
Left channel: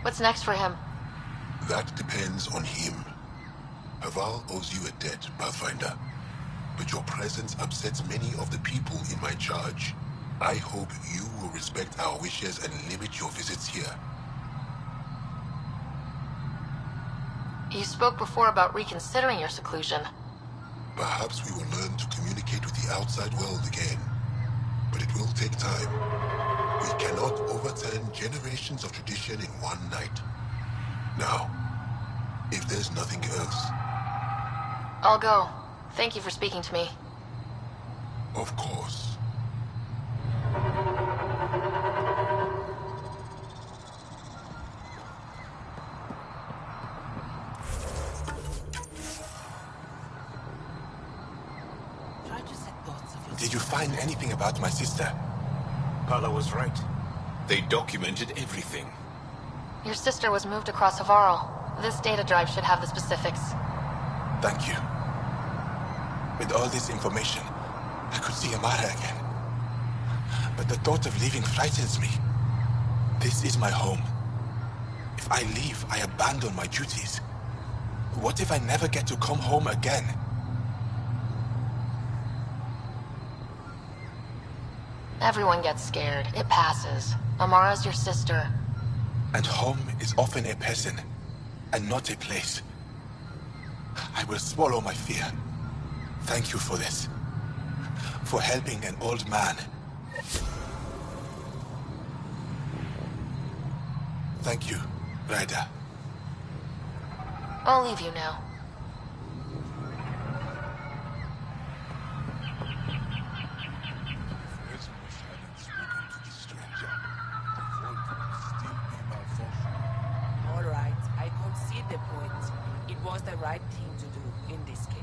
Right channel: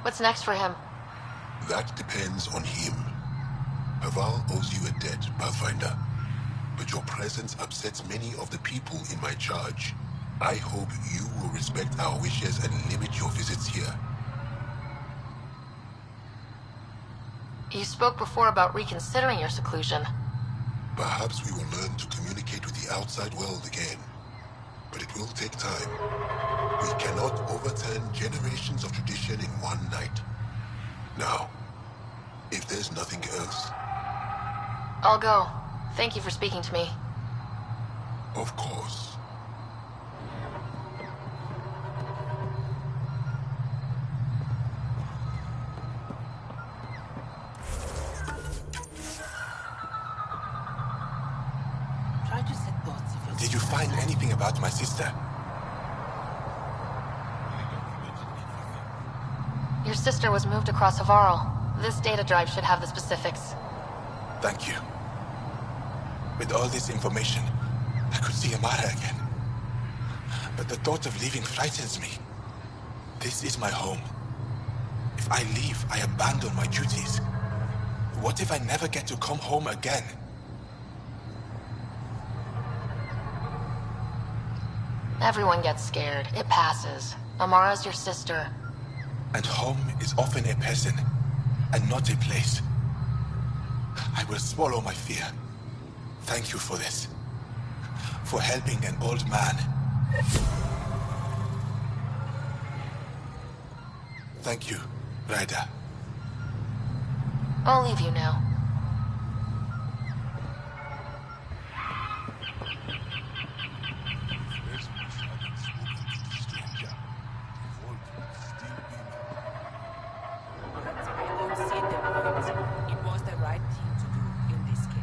What's next for him? That depends on him. Haval owes you a debt, Pathfinder. But your presence upsets many of the people in my charge. I hope you will respect our wishes and limit your visits here. You spoke before about reconsidering your seclusion. Perhaps we will learn to communicate with the outside world again. But it will take time. We cannot overturn generations of tradition in one night. Now, if there's nothing else... I'll go. Thank you for speaking to me. Of course. Did you find anything about my sister? Paula was right. They documented everything. Your sister was moved across Havarl. This data drive should have the specifics. Thank you. With all this information, I could see Amara again. But the thought of leaving frightens me. This is my home. If I leave, I abandon my duties. What if I never get to come home again? Everyone gets scared. It passes. Amara's your sister. And home is often a person, and not a place. I will swallow my fear. Thank you for this. For helping an old man. Thank you, Ryder. I'll leave you now. Right thing to do in this case.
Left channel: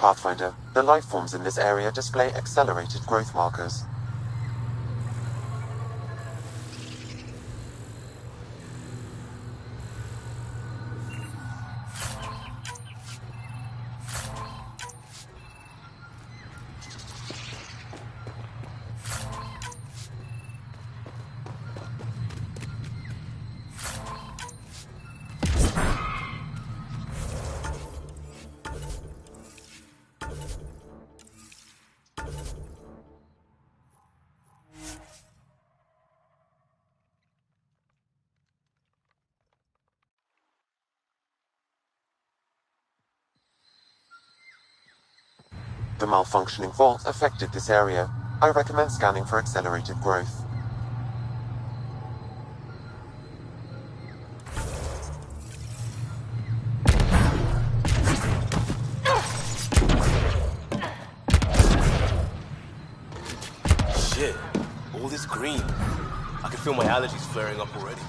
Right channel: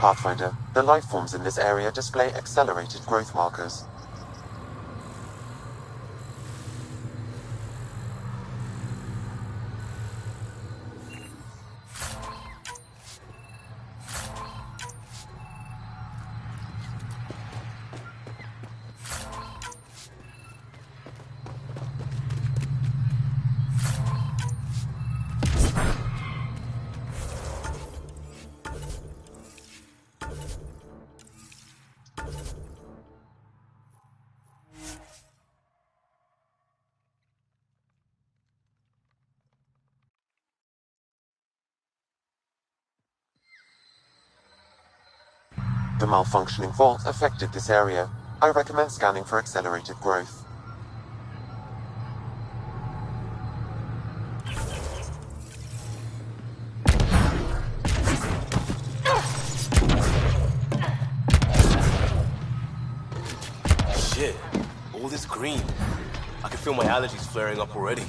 Pathfinder, the life forms in this area display accelerated growth markers. The malfunctioning vault affected this area. I recommend scanning for accelerated growth. Shit, all this green. I can feel my allergies flaring up already.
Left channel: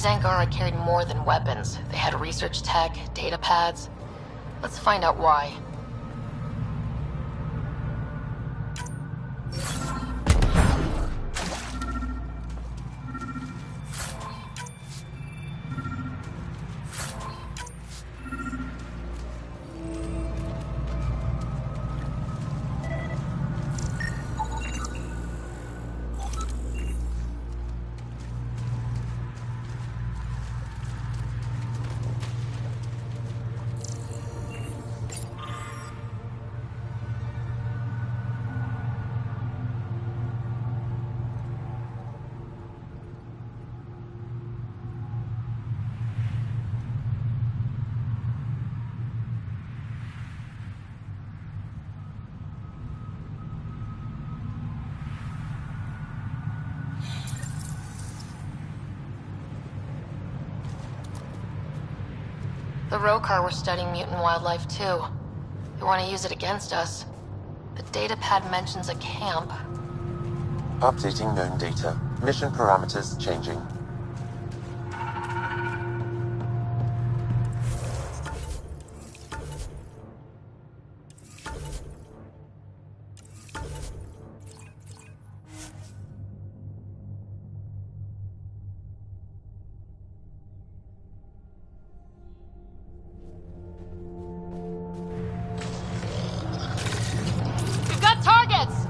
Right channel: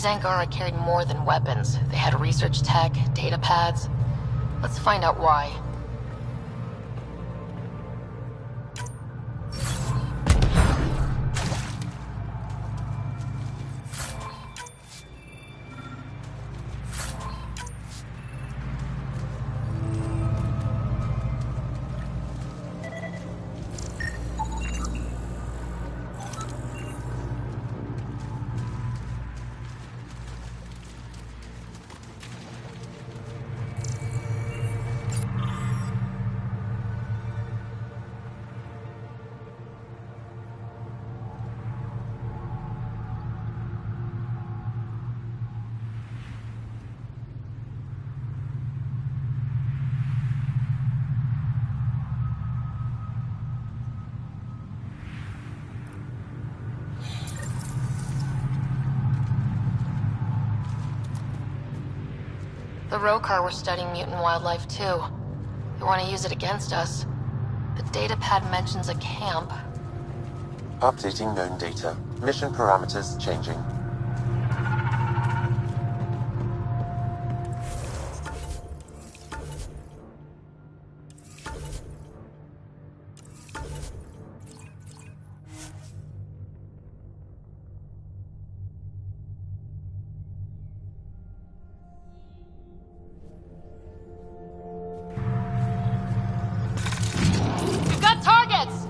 These Angara carried more than weapons. They had research tech, data pads. Let's find out why. The Rokar were studying mutant wildlife too. They want to use it against us. The datapad mentions a camp. Updating known data. Mission parameters changing. We've got targets!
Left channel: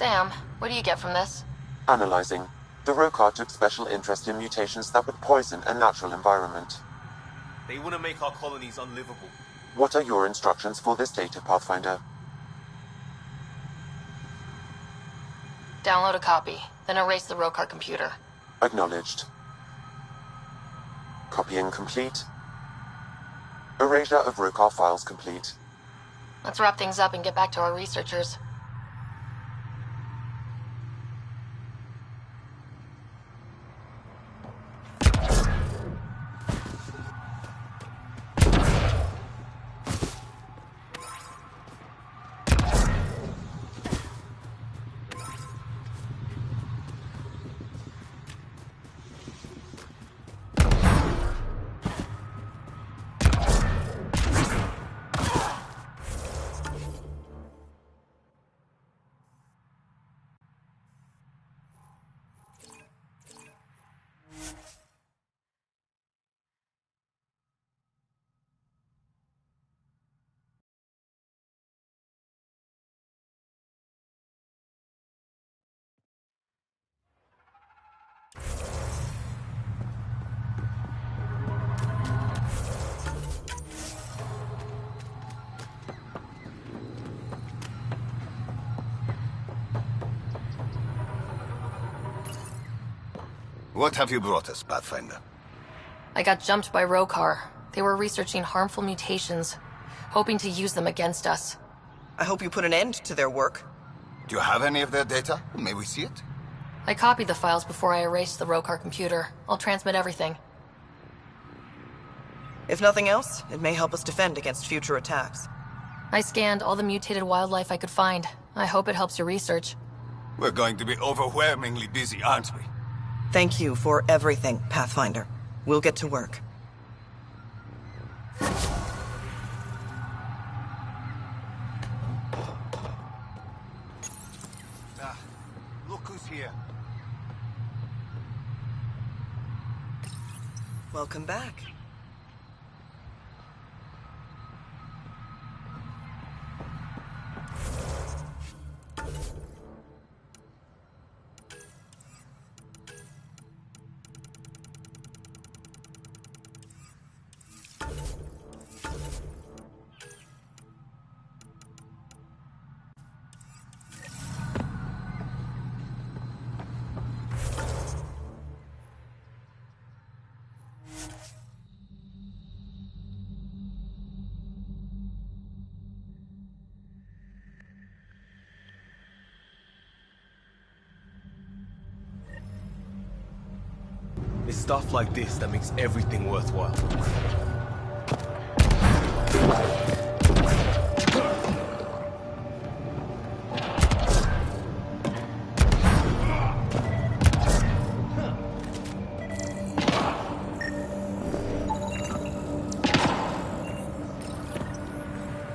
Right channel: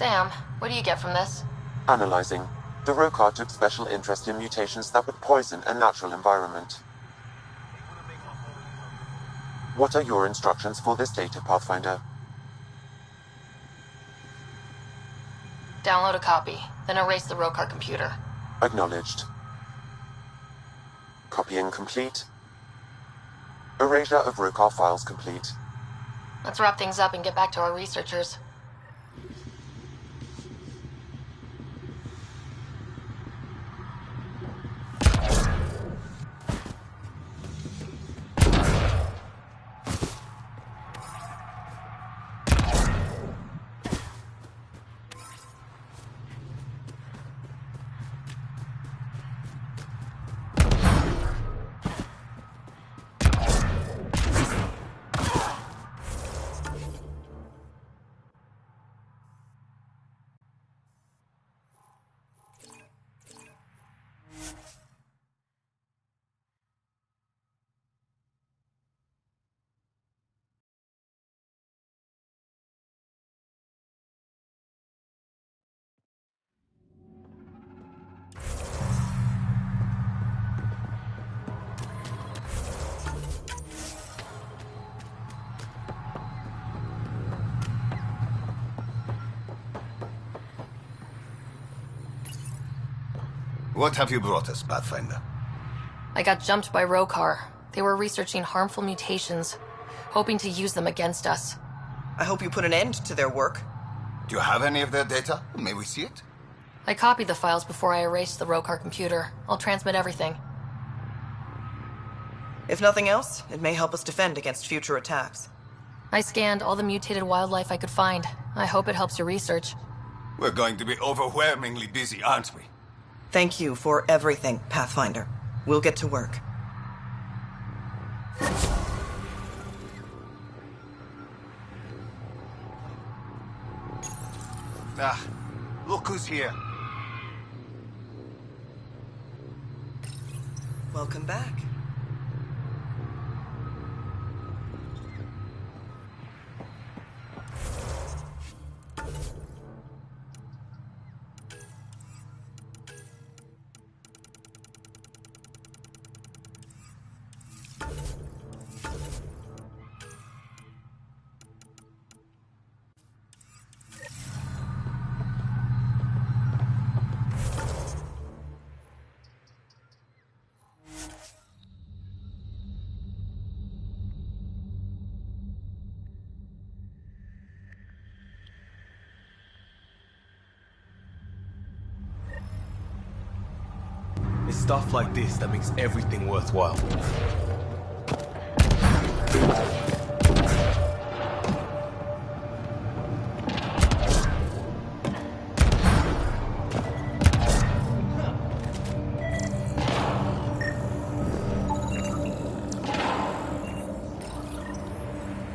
Sam, what do you get from this? Analyzing. The Rokar took special interest in mutations that would poison a natural environment. They want to make our colonies unlivable. What are your instructions for this data, Pathfinder? Download a copy, then erase the Rokar computer. Acknowledged. Copying complete. Erasure of Rokar files complete. Let's wrap things up and get back to our researchers. What have you brought us, Pathfinder? I got jumped by Rokar. They were researching harmful mutations, hoping to use them against us. I hope you put an end to their work. Do you have any of their data? May we see it? I copied the files before I erased the Rokar computer. I'll transmit everything. If nothing else, it may help us defend against future attacks. I scanned all the mutated wildlife I could find. I hope it helps your research. We're going to be overwhelmingly busy, aren't we? Thank you for everything, Pathfinder. We'll get to work. Ah, look who's here. Welcome back. It's stuff like this that makes everything worthwhile.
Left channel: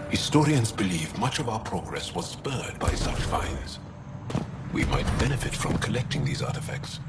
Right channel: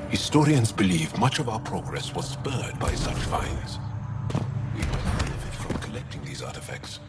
Historians believe much of our progress was spurred by such finds. We might benefit from collecting these artifacts.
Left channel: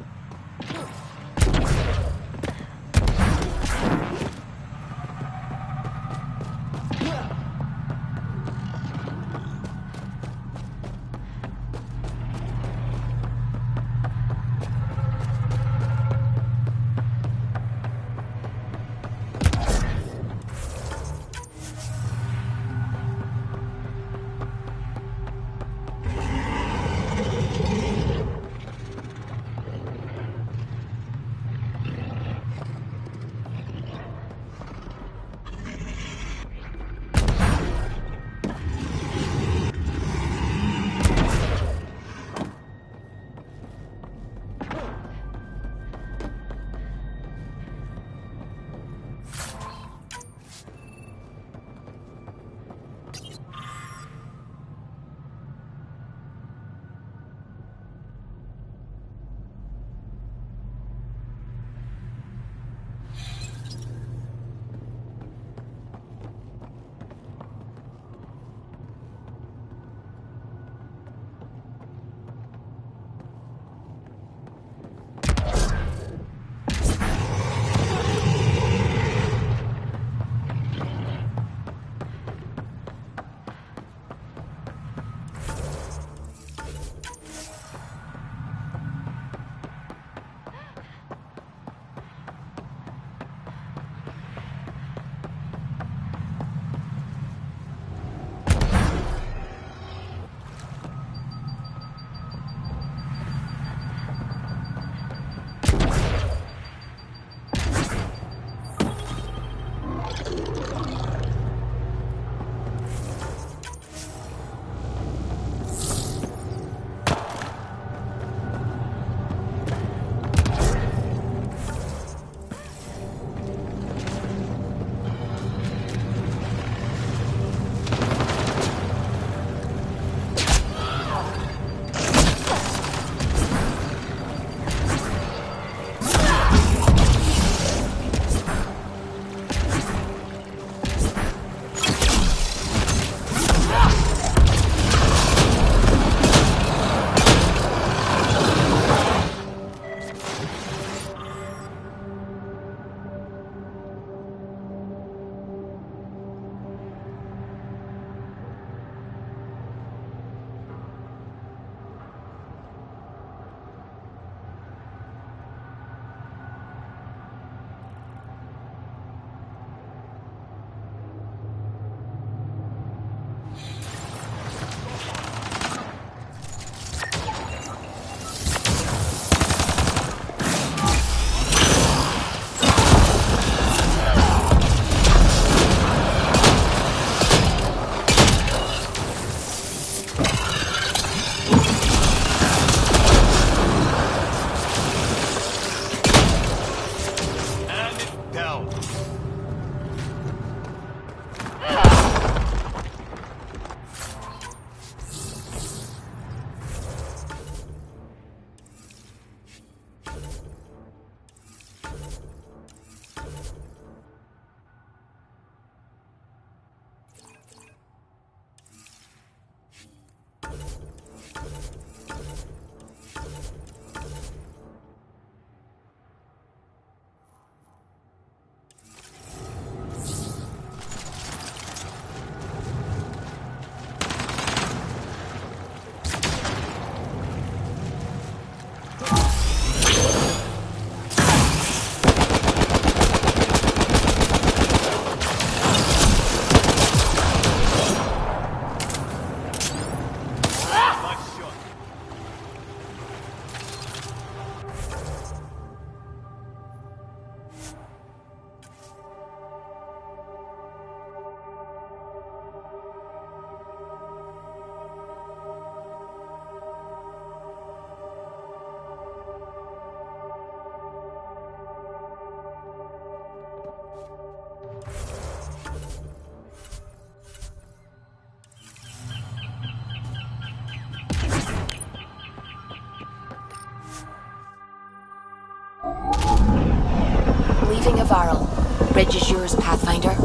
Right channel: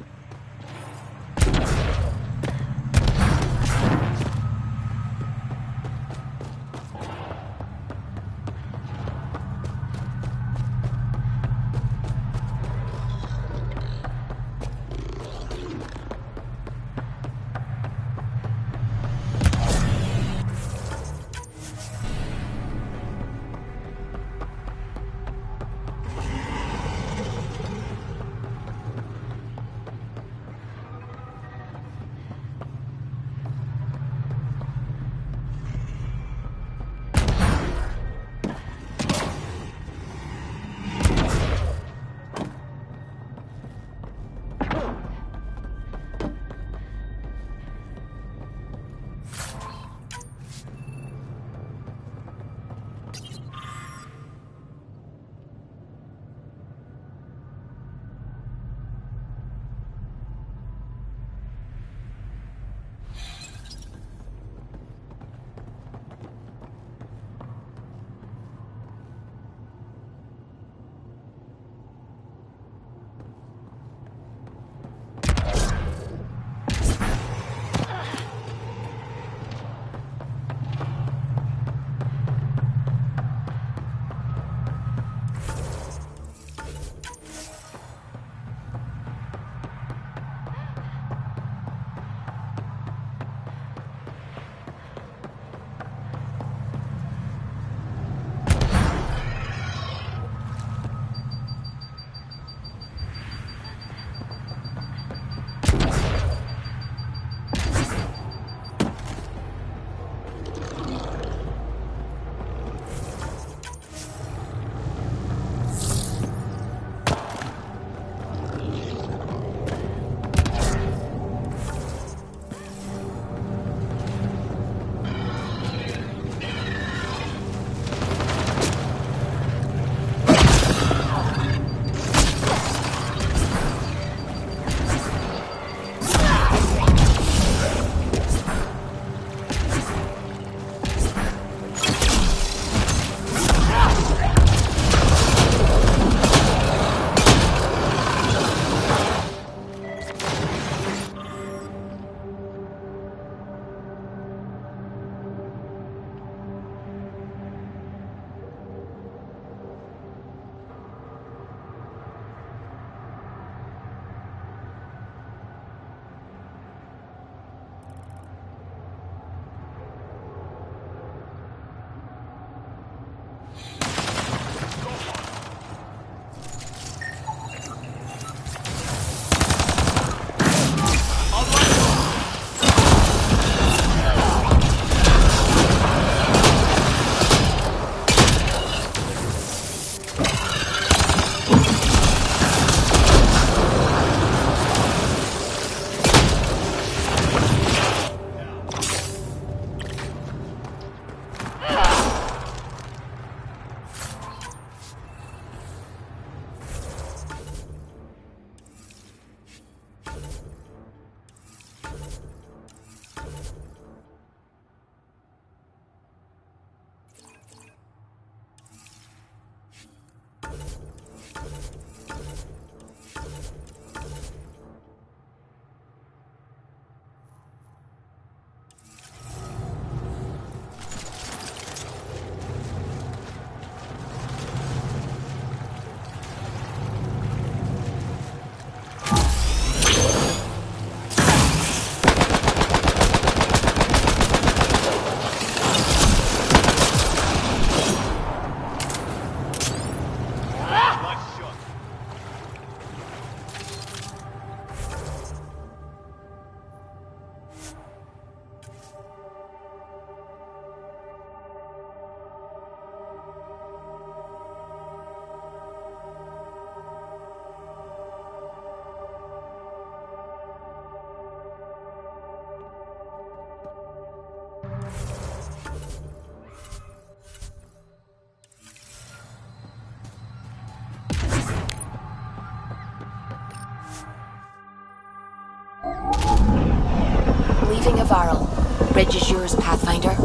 Bridge is yours, Pathfinder.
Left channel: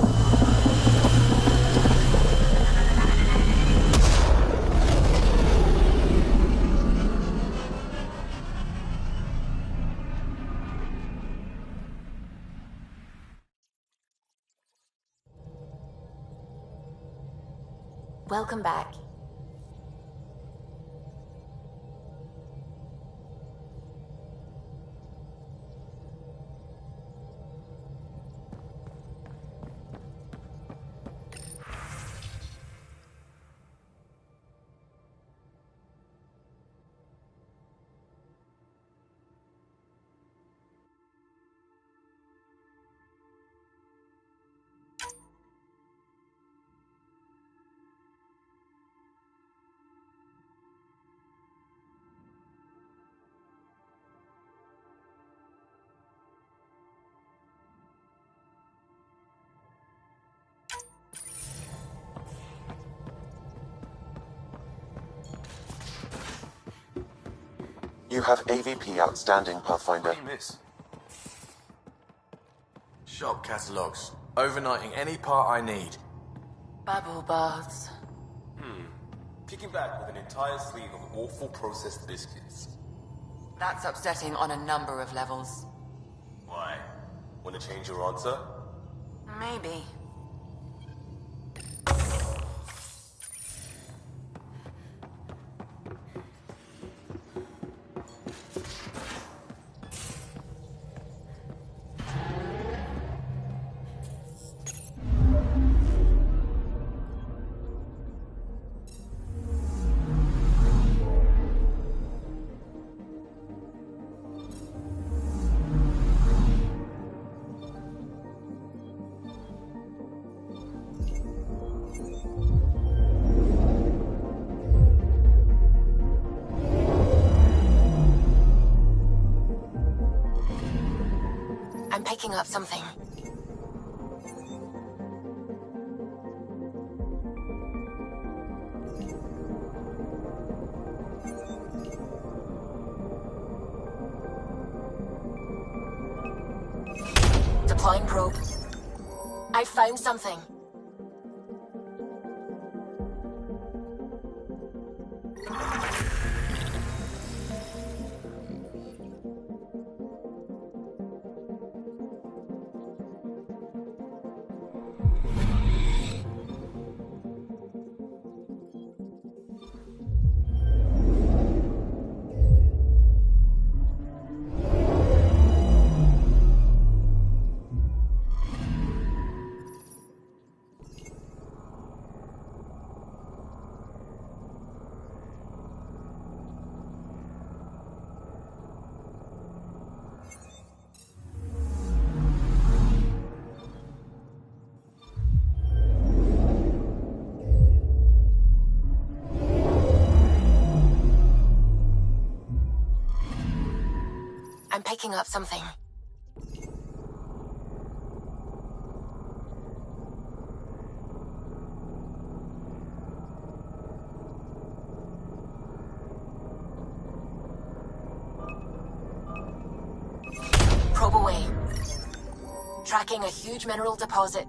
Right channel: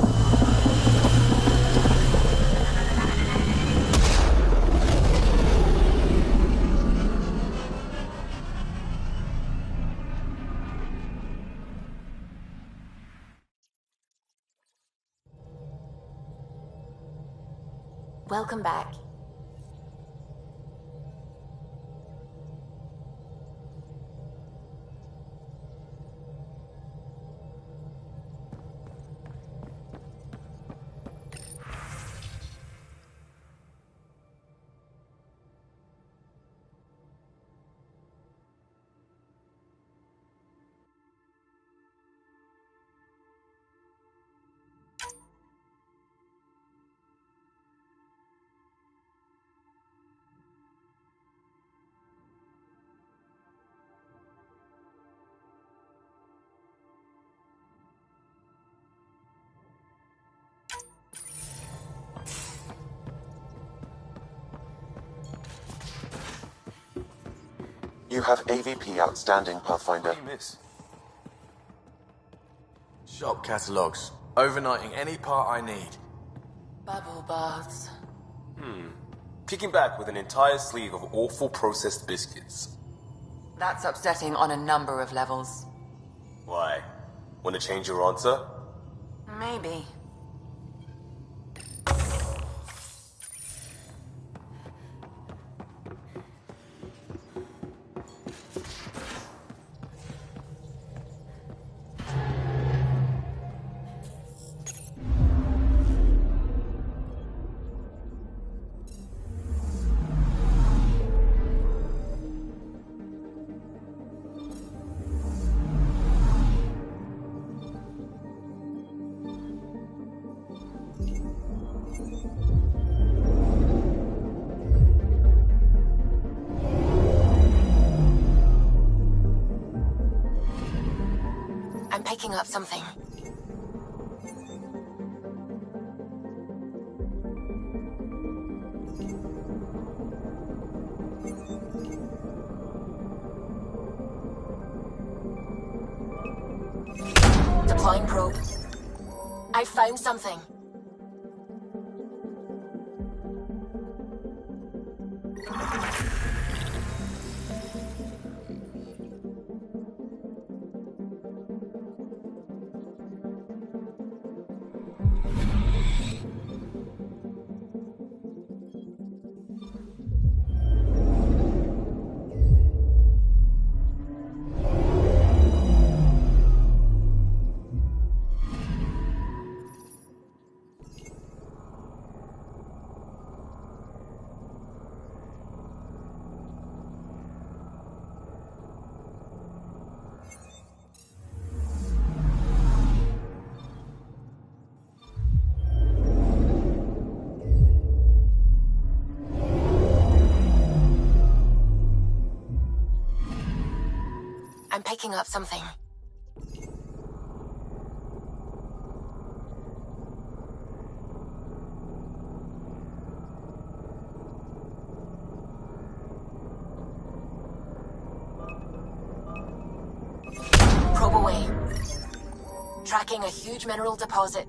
Welcome back. You have AVP outstanding, Pathfinder. What do you miss? Shop catalogs. Overnighting any part I need. Bubble baths. Kicking back with an entire sleeve of awful processed biscuits. That's upsetting on a number of levels. Why? Want to change your answer? Maybe. I'm picking up something. Deploying probe. I found something. I'm picking up something. Probe away. Tracking a huge mineral deposit.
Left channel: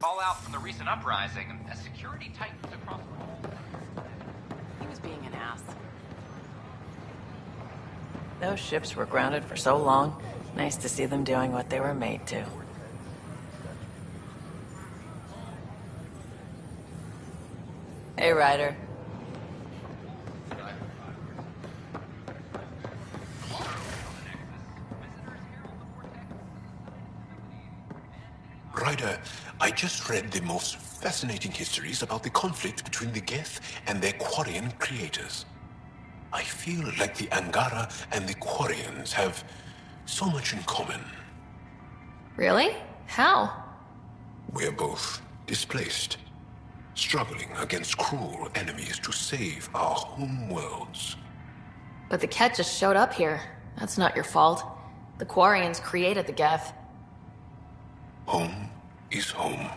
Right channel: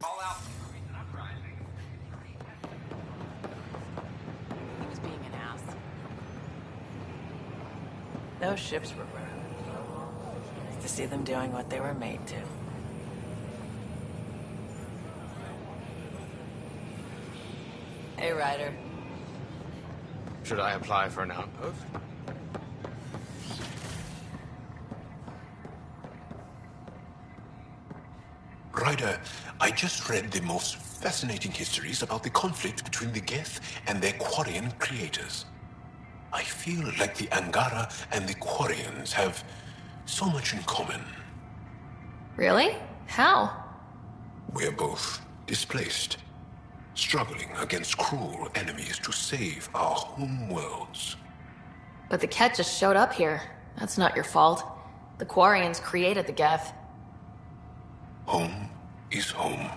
Fallout from the recent uprising, as security tightens across He was being an ass. Those ships were grounded for so long. Nice to see them doing what they were made to. Hey, Ryder. Should I apply for an outpost? Ryder, I just read the most fascinating histories about the conflict between the Geth and their Quarian creators. I feel like the Angara and the Quarians have so much in common. Really? How? We're both displaced, struggling against cruel enemies to save our home worlds. But the Ket just showed up here. That's not your fault. The Quarians created the Geth. Home is home.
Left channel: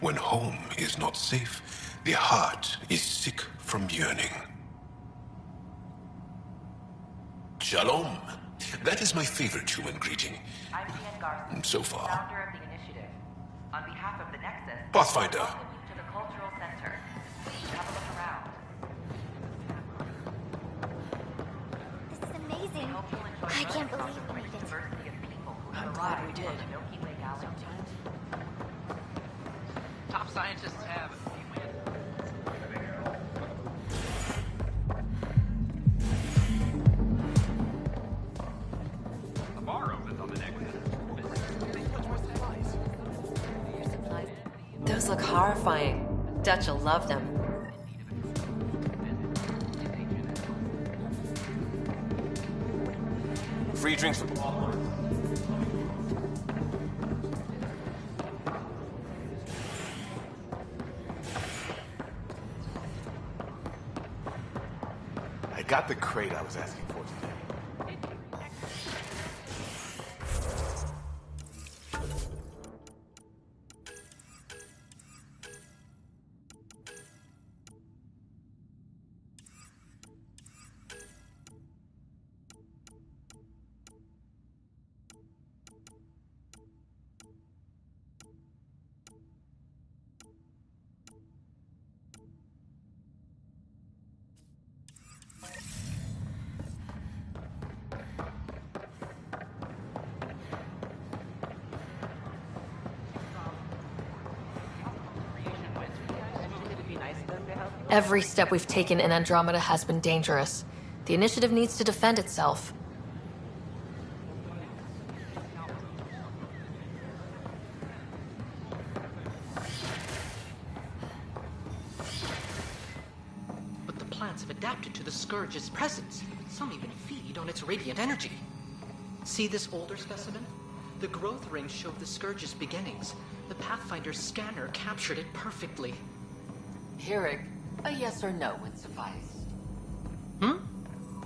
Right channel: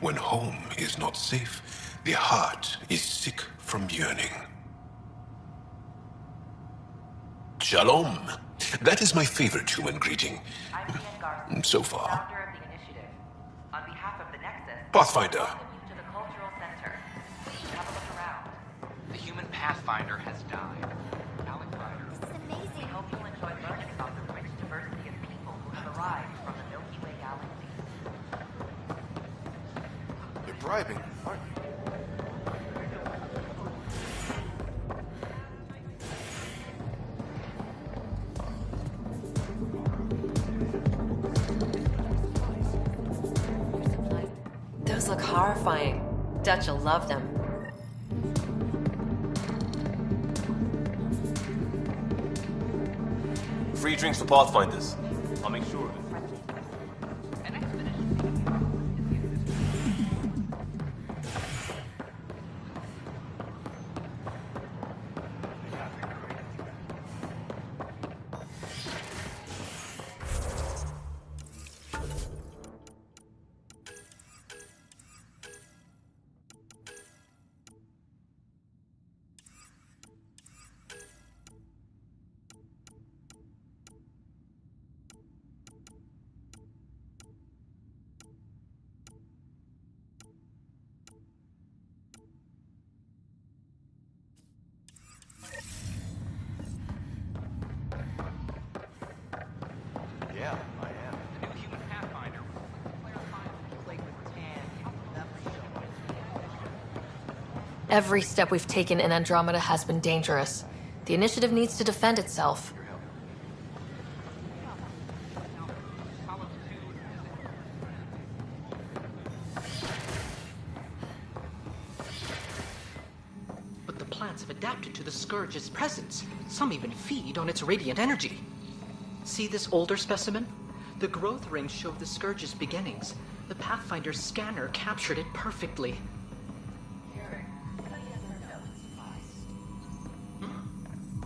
When home is not safe, the heart is sick from yearning. Shalom. That is my favorite human greeting. I'm Ian Garson, so far. founder of the initiative. On behalf of the Nexus, Pathfinder. welcome you to the Cultural Center. Please have a look around. the human Pathfinder has died. This is amazing. We hope you'll enjoy learning about the rich diversity of people who have arrived from the Milky Way galaxy. Top scientists have... Those look horrifying. Dutch will love them. Free drinks for Pathfinders. I'll make sure of it. I got the crate I was asking for. Every step we've taken in Andromeda has been dangerous. The initiative needs to defend itself. But the plants have adapted to the Scourge's presence. Some even feed on its radiant energy. See this older specimen? The growth rings show the Scourge's beginnings. The Pathfinder's scanner captured it perfectly. Hearing a yes or no would suffice.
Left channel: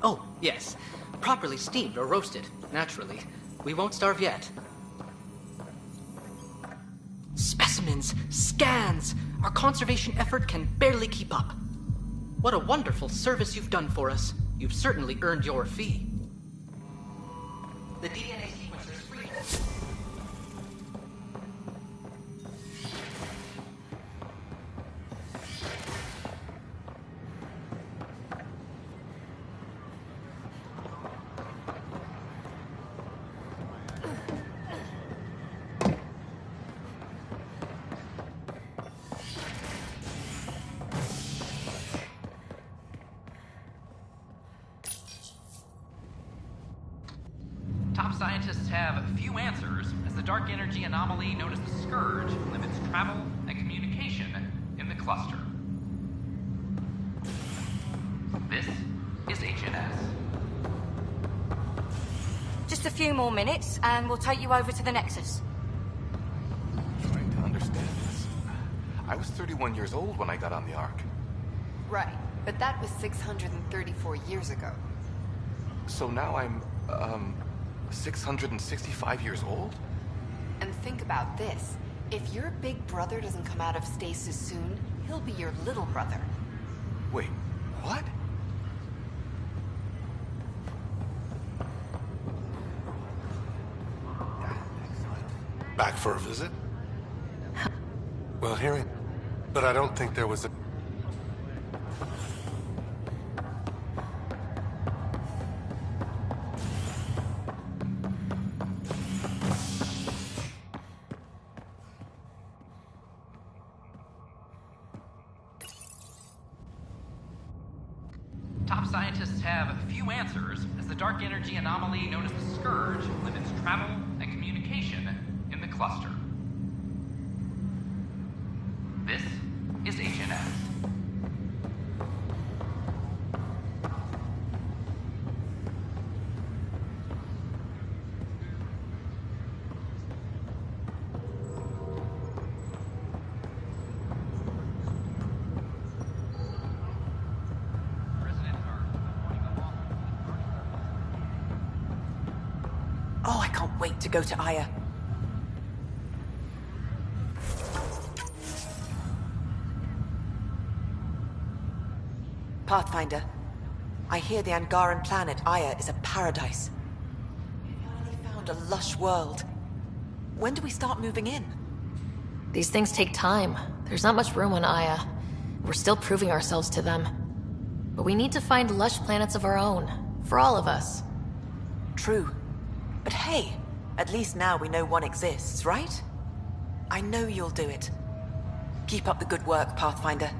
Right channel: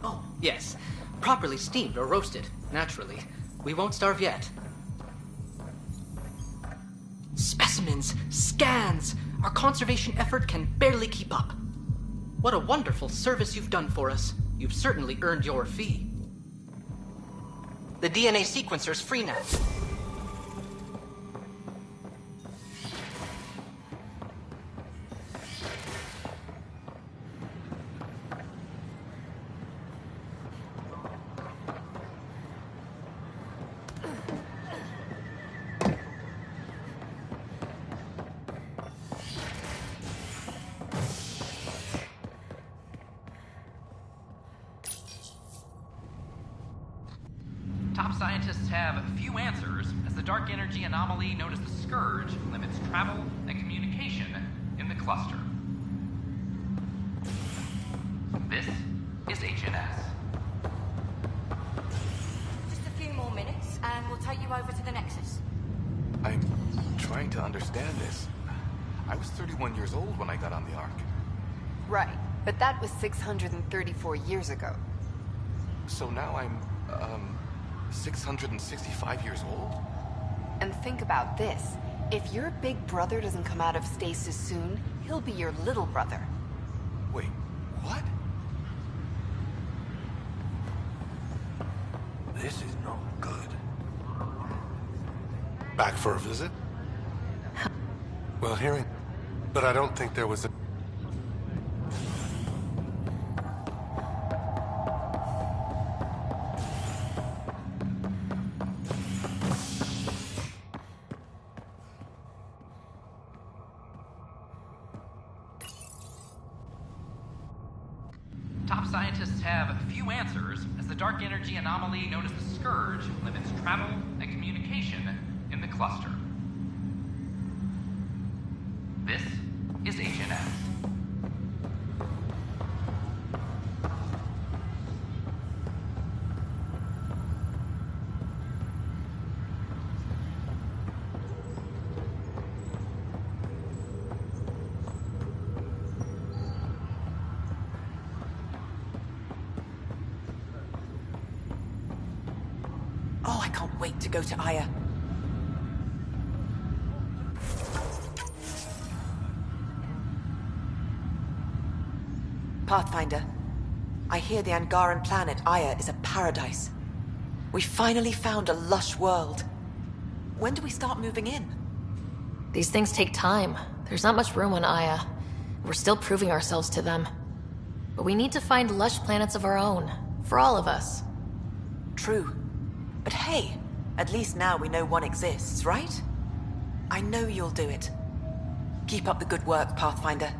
Oh, yes. Properly steamed or roasted, naturally. We won't starve yet. Specimens! Scans! Our conservation effort can barely keep up. What a wonderful service you've done for us. You've certainly earned your fee. The DNA sequencer's free now. Top scientists have few answers, as the dark energy anomaly known as the Scourge limits travel and communication in the cluster. This is HNS. Just a few more minutes, and we'll take you over to the Nexus. I'm trying to understand this. I was 31 years old when I got on the Ark. Right, but that was 634 years ago. So now I'm, 665 years old? And think about this. If your big brother doesn't come out of stasis soon, he'll be your little brother. Wait, what? This is not good. Back for a visit? Well, hearing... But I don't think there was a... Top scientists have few answers, as the dark energy anomaly known as the Scourge limits travel and communication in the cluster. This is HNS. Oh, I can't wait to go to Aya. Pathfinder, I hear the Angaran planet Aya is a paradise. We finally found a lush world. When do we start moving in? These things take time. There's not much room on Aya. We're still proving ourselves to them. But we need to find lush planets of our own. For all of us. True. But hey, at least now we know one exists, right? I know you'll do it. Keep up the good work, Pathfinder.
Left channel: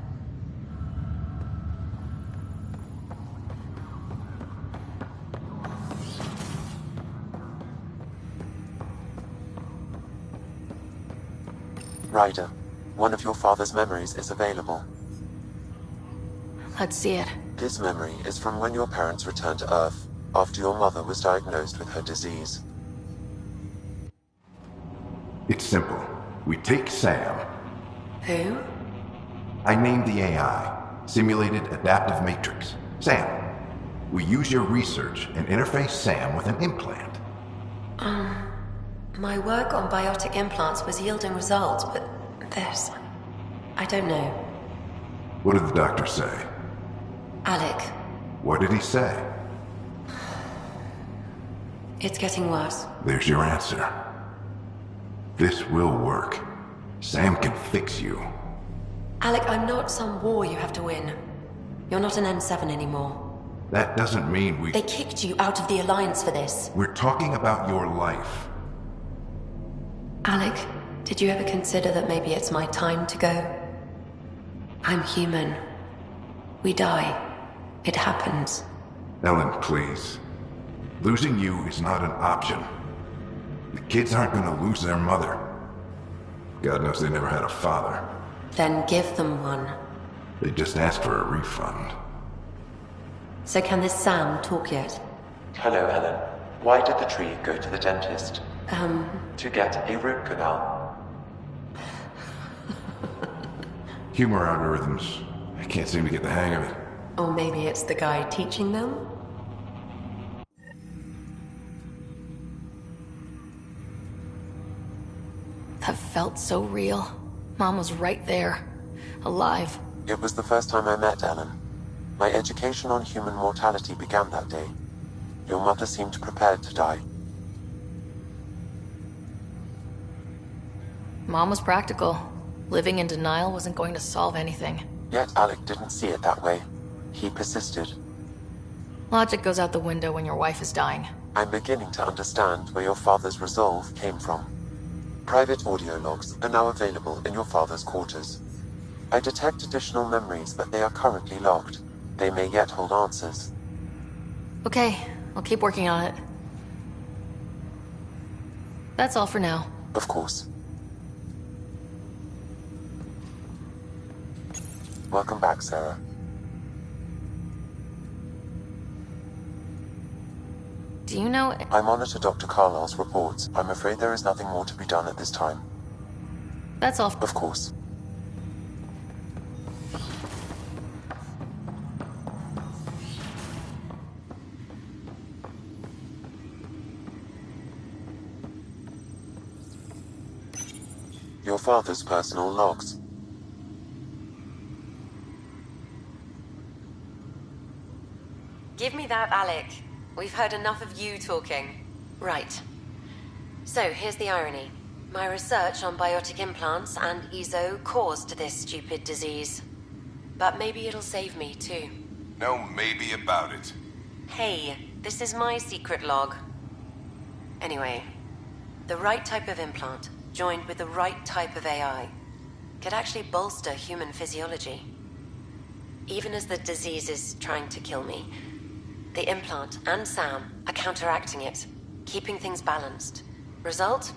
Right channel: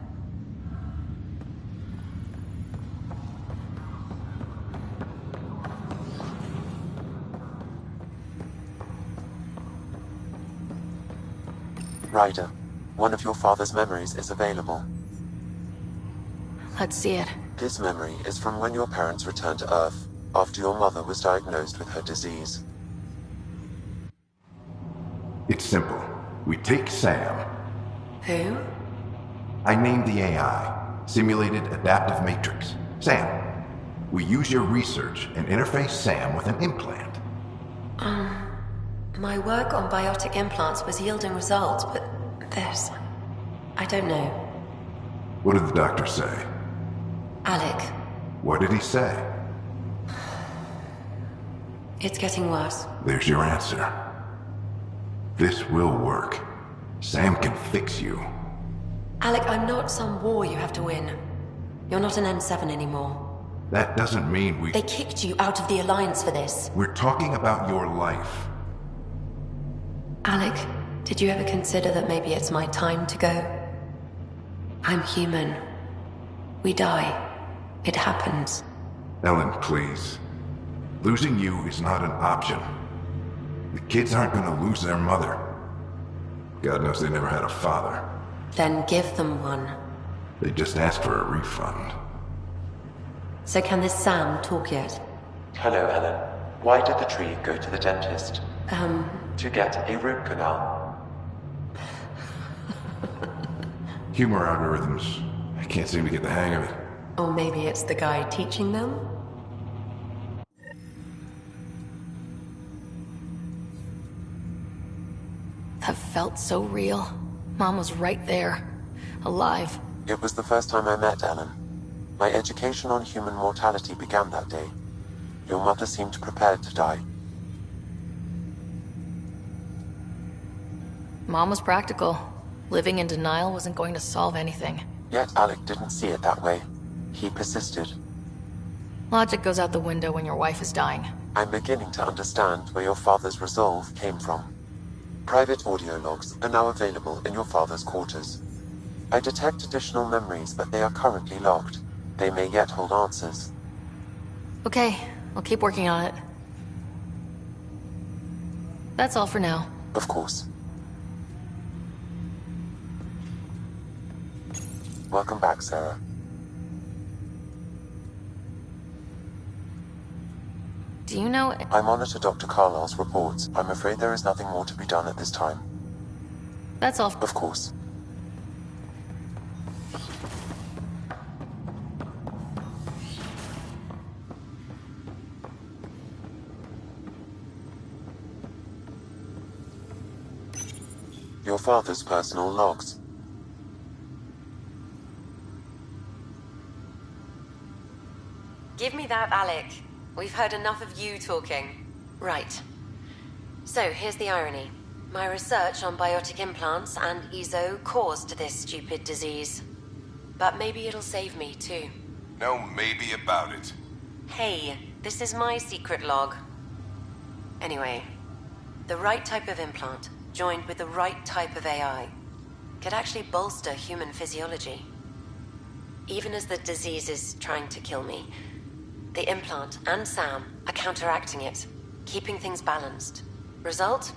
Ryder, one of your father's memories is available. Let's see it. This memory is from when your parents returned to Earth, after your mother was diagnosed with her disease. It's simple. We take Sam. Who? I named the AI, Simulated Adaptive Matrix. Sam. We use your research and interface Sam with an implant. My work on biotic implants was yielding results, but this... I don't know. What did the doctor say? Alec, What did he say? it's getting worse. There's your answer. This will work. Sam can fix you. Alec, I'm not some war you have to win. You're not an N7 anymore. That doesn't mean we... They kicked you out of the Alliance for this. We're talking about your life. Alec, did you ever consider that maybe it's my time to go? I'm human. We die. It happens. Ellen, please. Losing you is not an option. The kids aren't gonna lose their mother. God knows they never had a father. Then give them one. They just asked for a refund. So can this Sam talk yet? Hello, Ellen. Why did the tree go to the dentist? To get a root canal. Humor algorithms. I can't seem to get the hang of it. Or maybe it's the guy teaching them? That felt so real. Mom was right there. Alive. It was the first time I met Ellen. My education on human mortality began that day. Your mother seemed prepared to die. Mom was practical. Living in denial wasn't going to solve anything. Yet Alec didn't see it that way. He persisted. Logic goes out the window when your wife is dying. I'm beginning to understand where your father's resolve came from. Private audio logs are now available in your father's quarters. I detect additional memories, but they are currently locked. They may yet hold answers. Okay, I'll keep working on it. That's all for now. Of course. Welcome back, Sarah. Do you know... I monitor Dr. Carlisle's reports. I'm afraid there is nothing more to be done at this time. That's all. Of course. Your father's personal logs. Give me that, Alec. We've heard enough of you talking. Right. So, here's the irony. My research on biotic implants and EZO caused this stupid disease. But maybe it'll save me, too. No maybe about it. Hey, this is my secret log. Anyway, the right type of implant, joined with the right type of AI, could actually bolster human physiology. Even as the disease is trying to kill me, the implant and Sam are counteracting it, keeping things balanced. Result?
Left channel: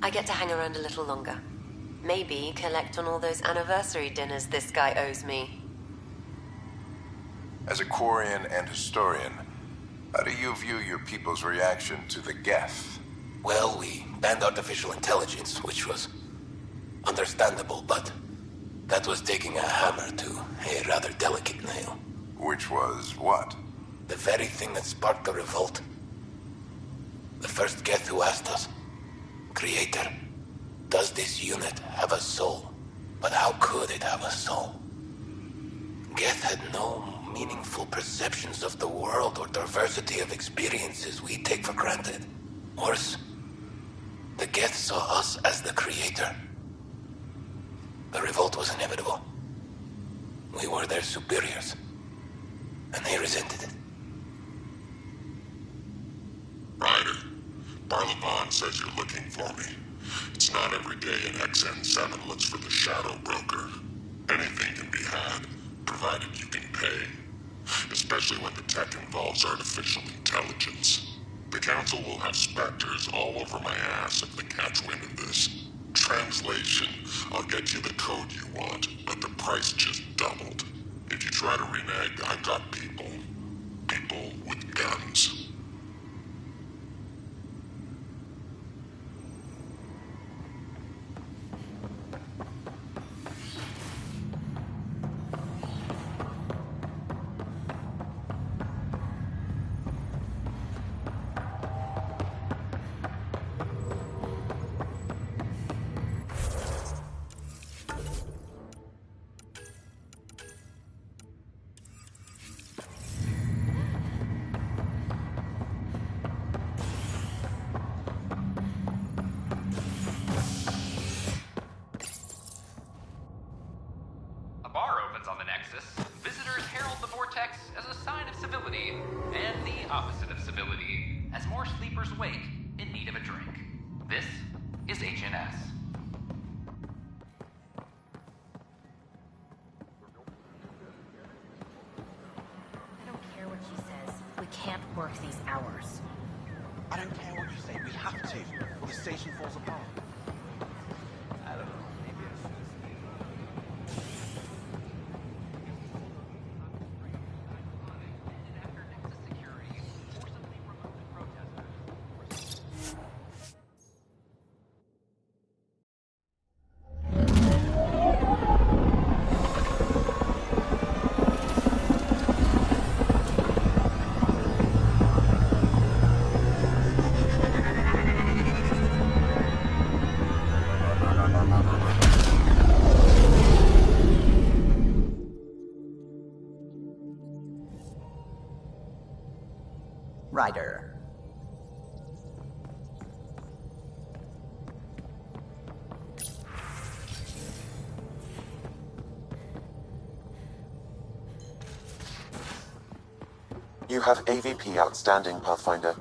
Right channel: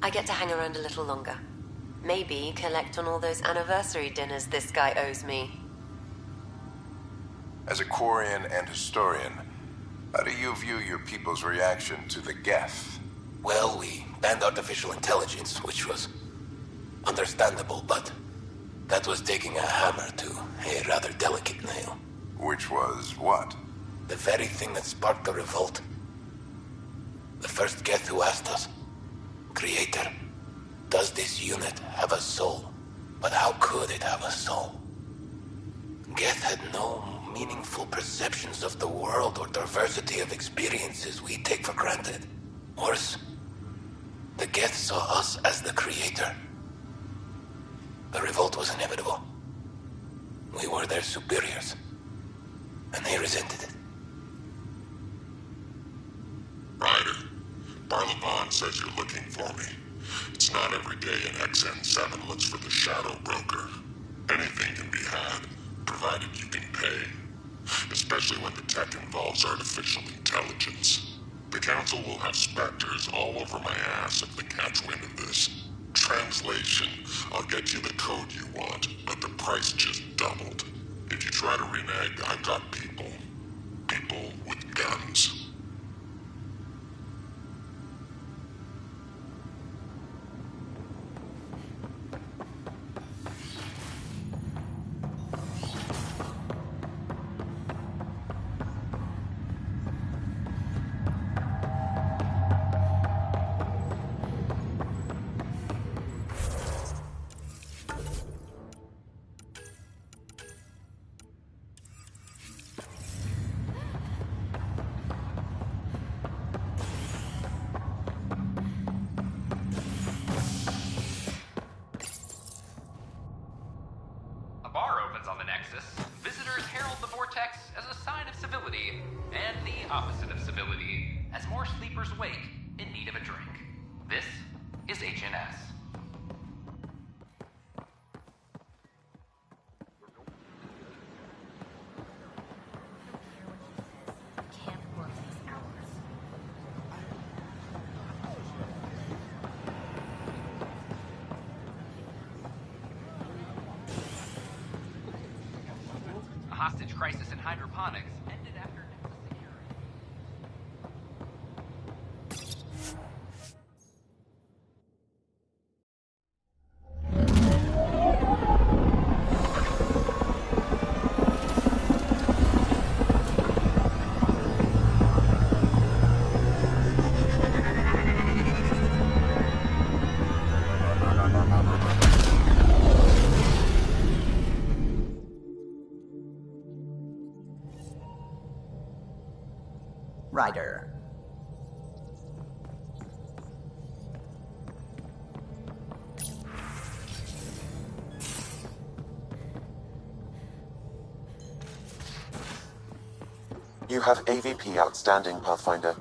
I get to hang around a little longer. Maybe collect on all those anniversary dinners this guy owes me. As a Quarian and historian, how do you view your people's reaction to the Geth? Well, we banned artificial intelligence, which was understandable, but that was taking a hammer to a rather delicate nail. Which was what? The very thing that sparked the revolt. The first Geth who asked us, Creator, does this unit have a soul? But how could it have a soul? Geth had no meaningful perceptions of the world or diversity of experiences we take for granted. Worse, the Geth saw us as the Creator. The revolt was inevitable. We were their superiors, and they resented it. Ryder, Barlavon says you're looking for me. It's not every day an XN7 looks for the Shadow Broker. Anything can be had, provided you can pay. Especially when the tech involves artificial intelligence. The Council will have specters all over my ass if they catch wind of this. Translation, I'll get you the code you want, but the price just doubled. If you try to renege, I've got people. People with guns. A bar opens on the Nexus. Visitors herald the vortex as a sign of civility, and the opposite of civility, as more sleepers wake in need of a drink. This is HNS. I don't care what she says. We can't work these hours. I don't care what you say. We have to. The station falls apart. A hostage crisis in hydroponics ended after Nexus security. Ryder. You have AVP outstanding, Pathfinder.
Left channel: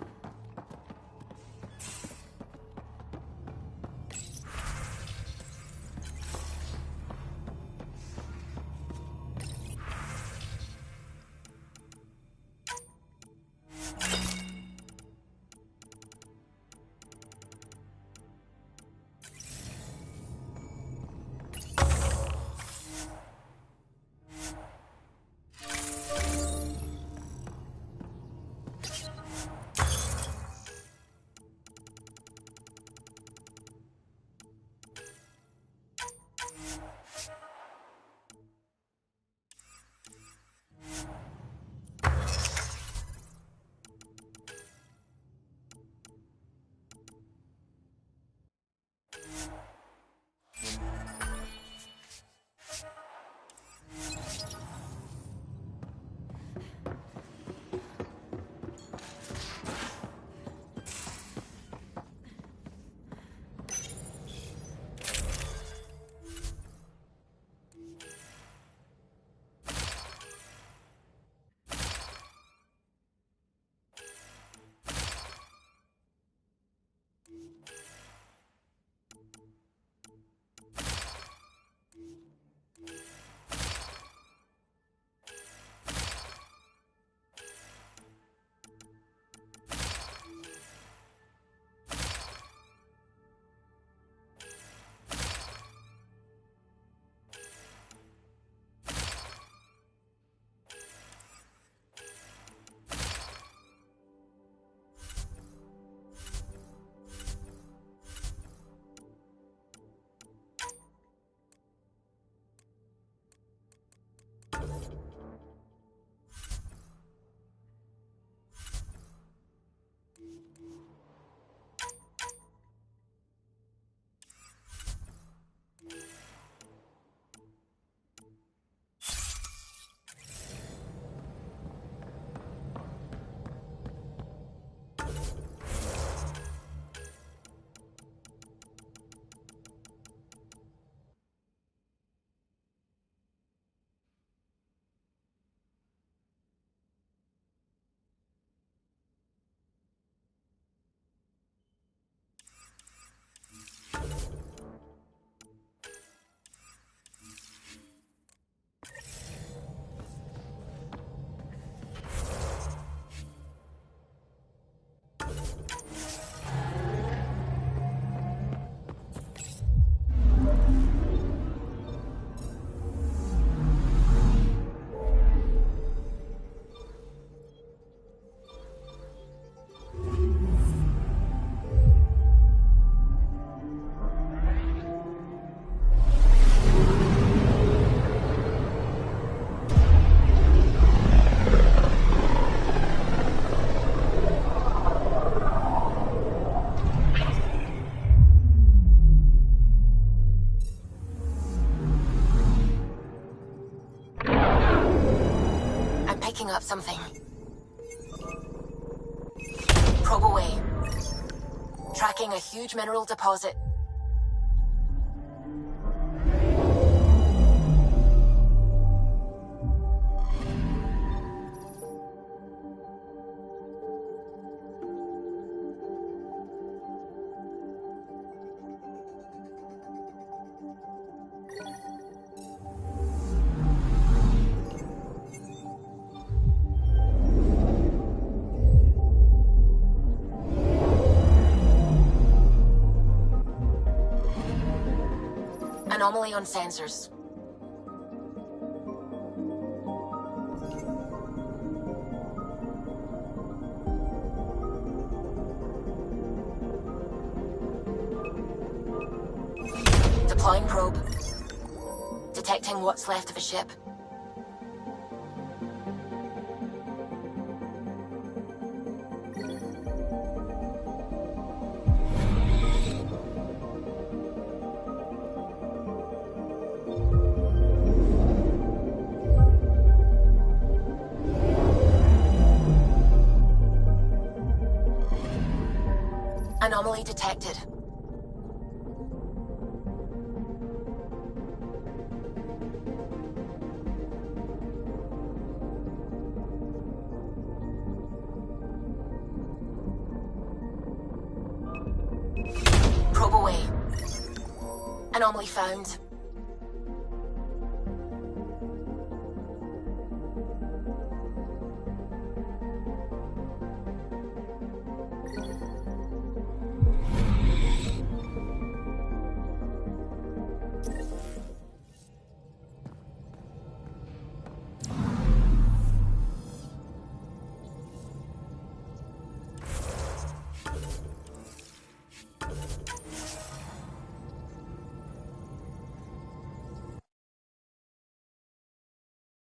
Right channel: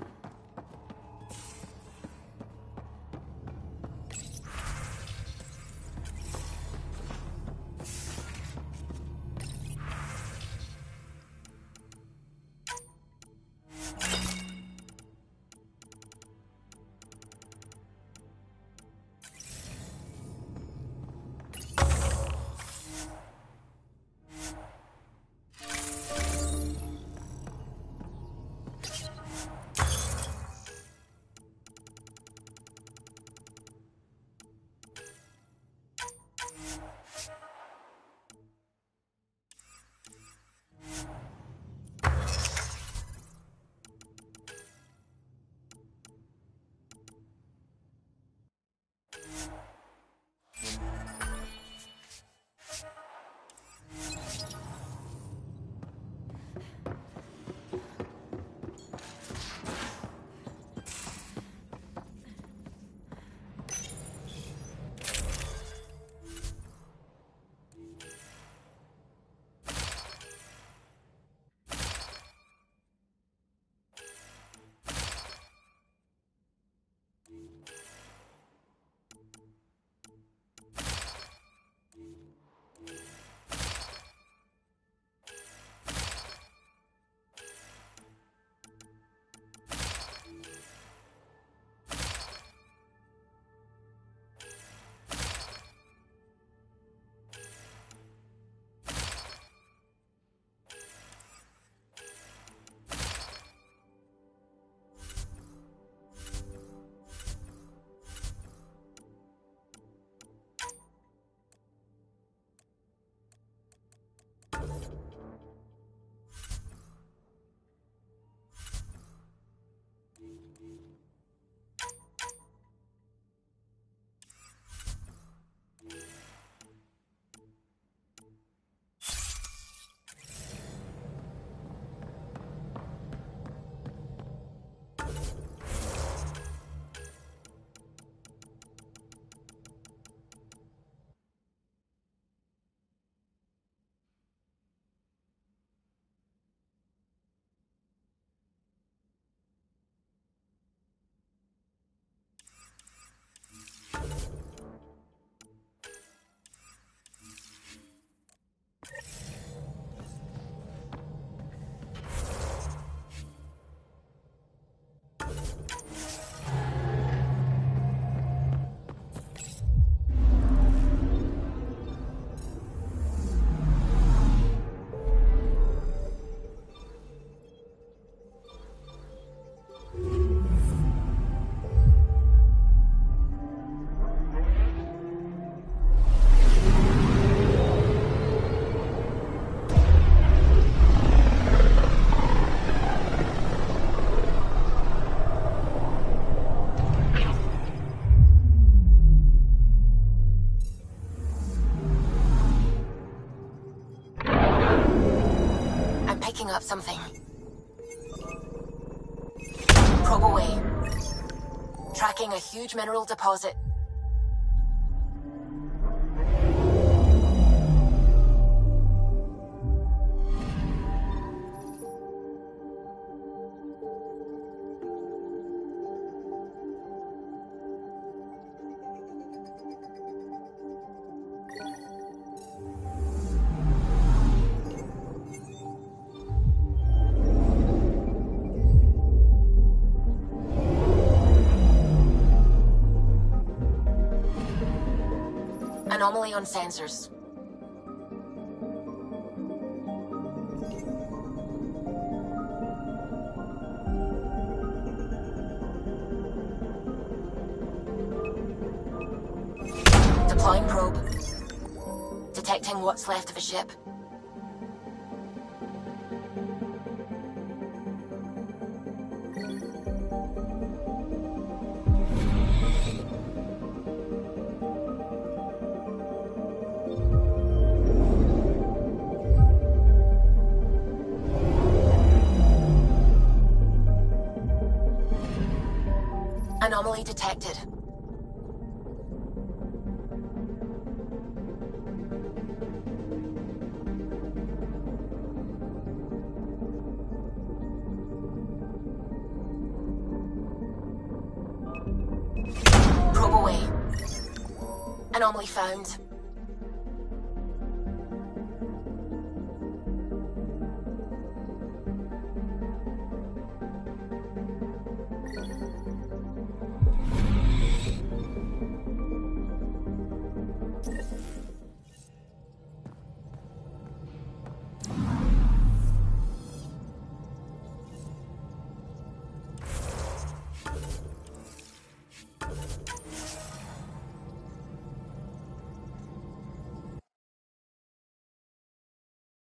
picking up something. Probe away. Tracking a huge mineral deposit. Anomaly on sensors. Deploying probe. Detecting what's left of a ship. Anomaly detected. Probe away. Anomaly found.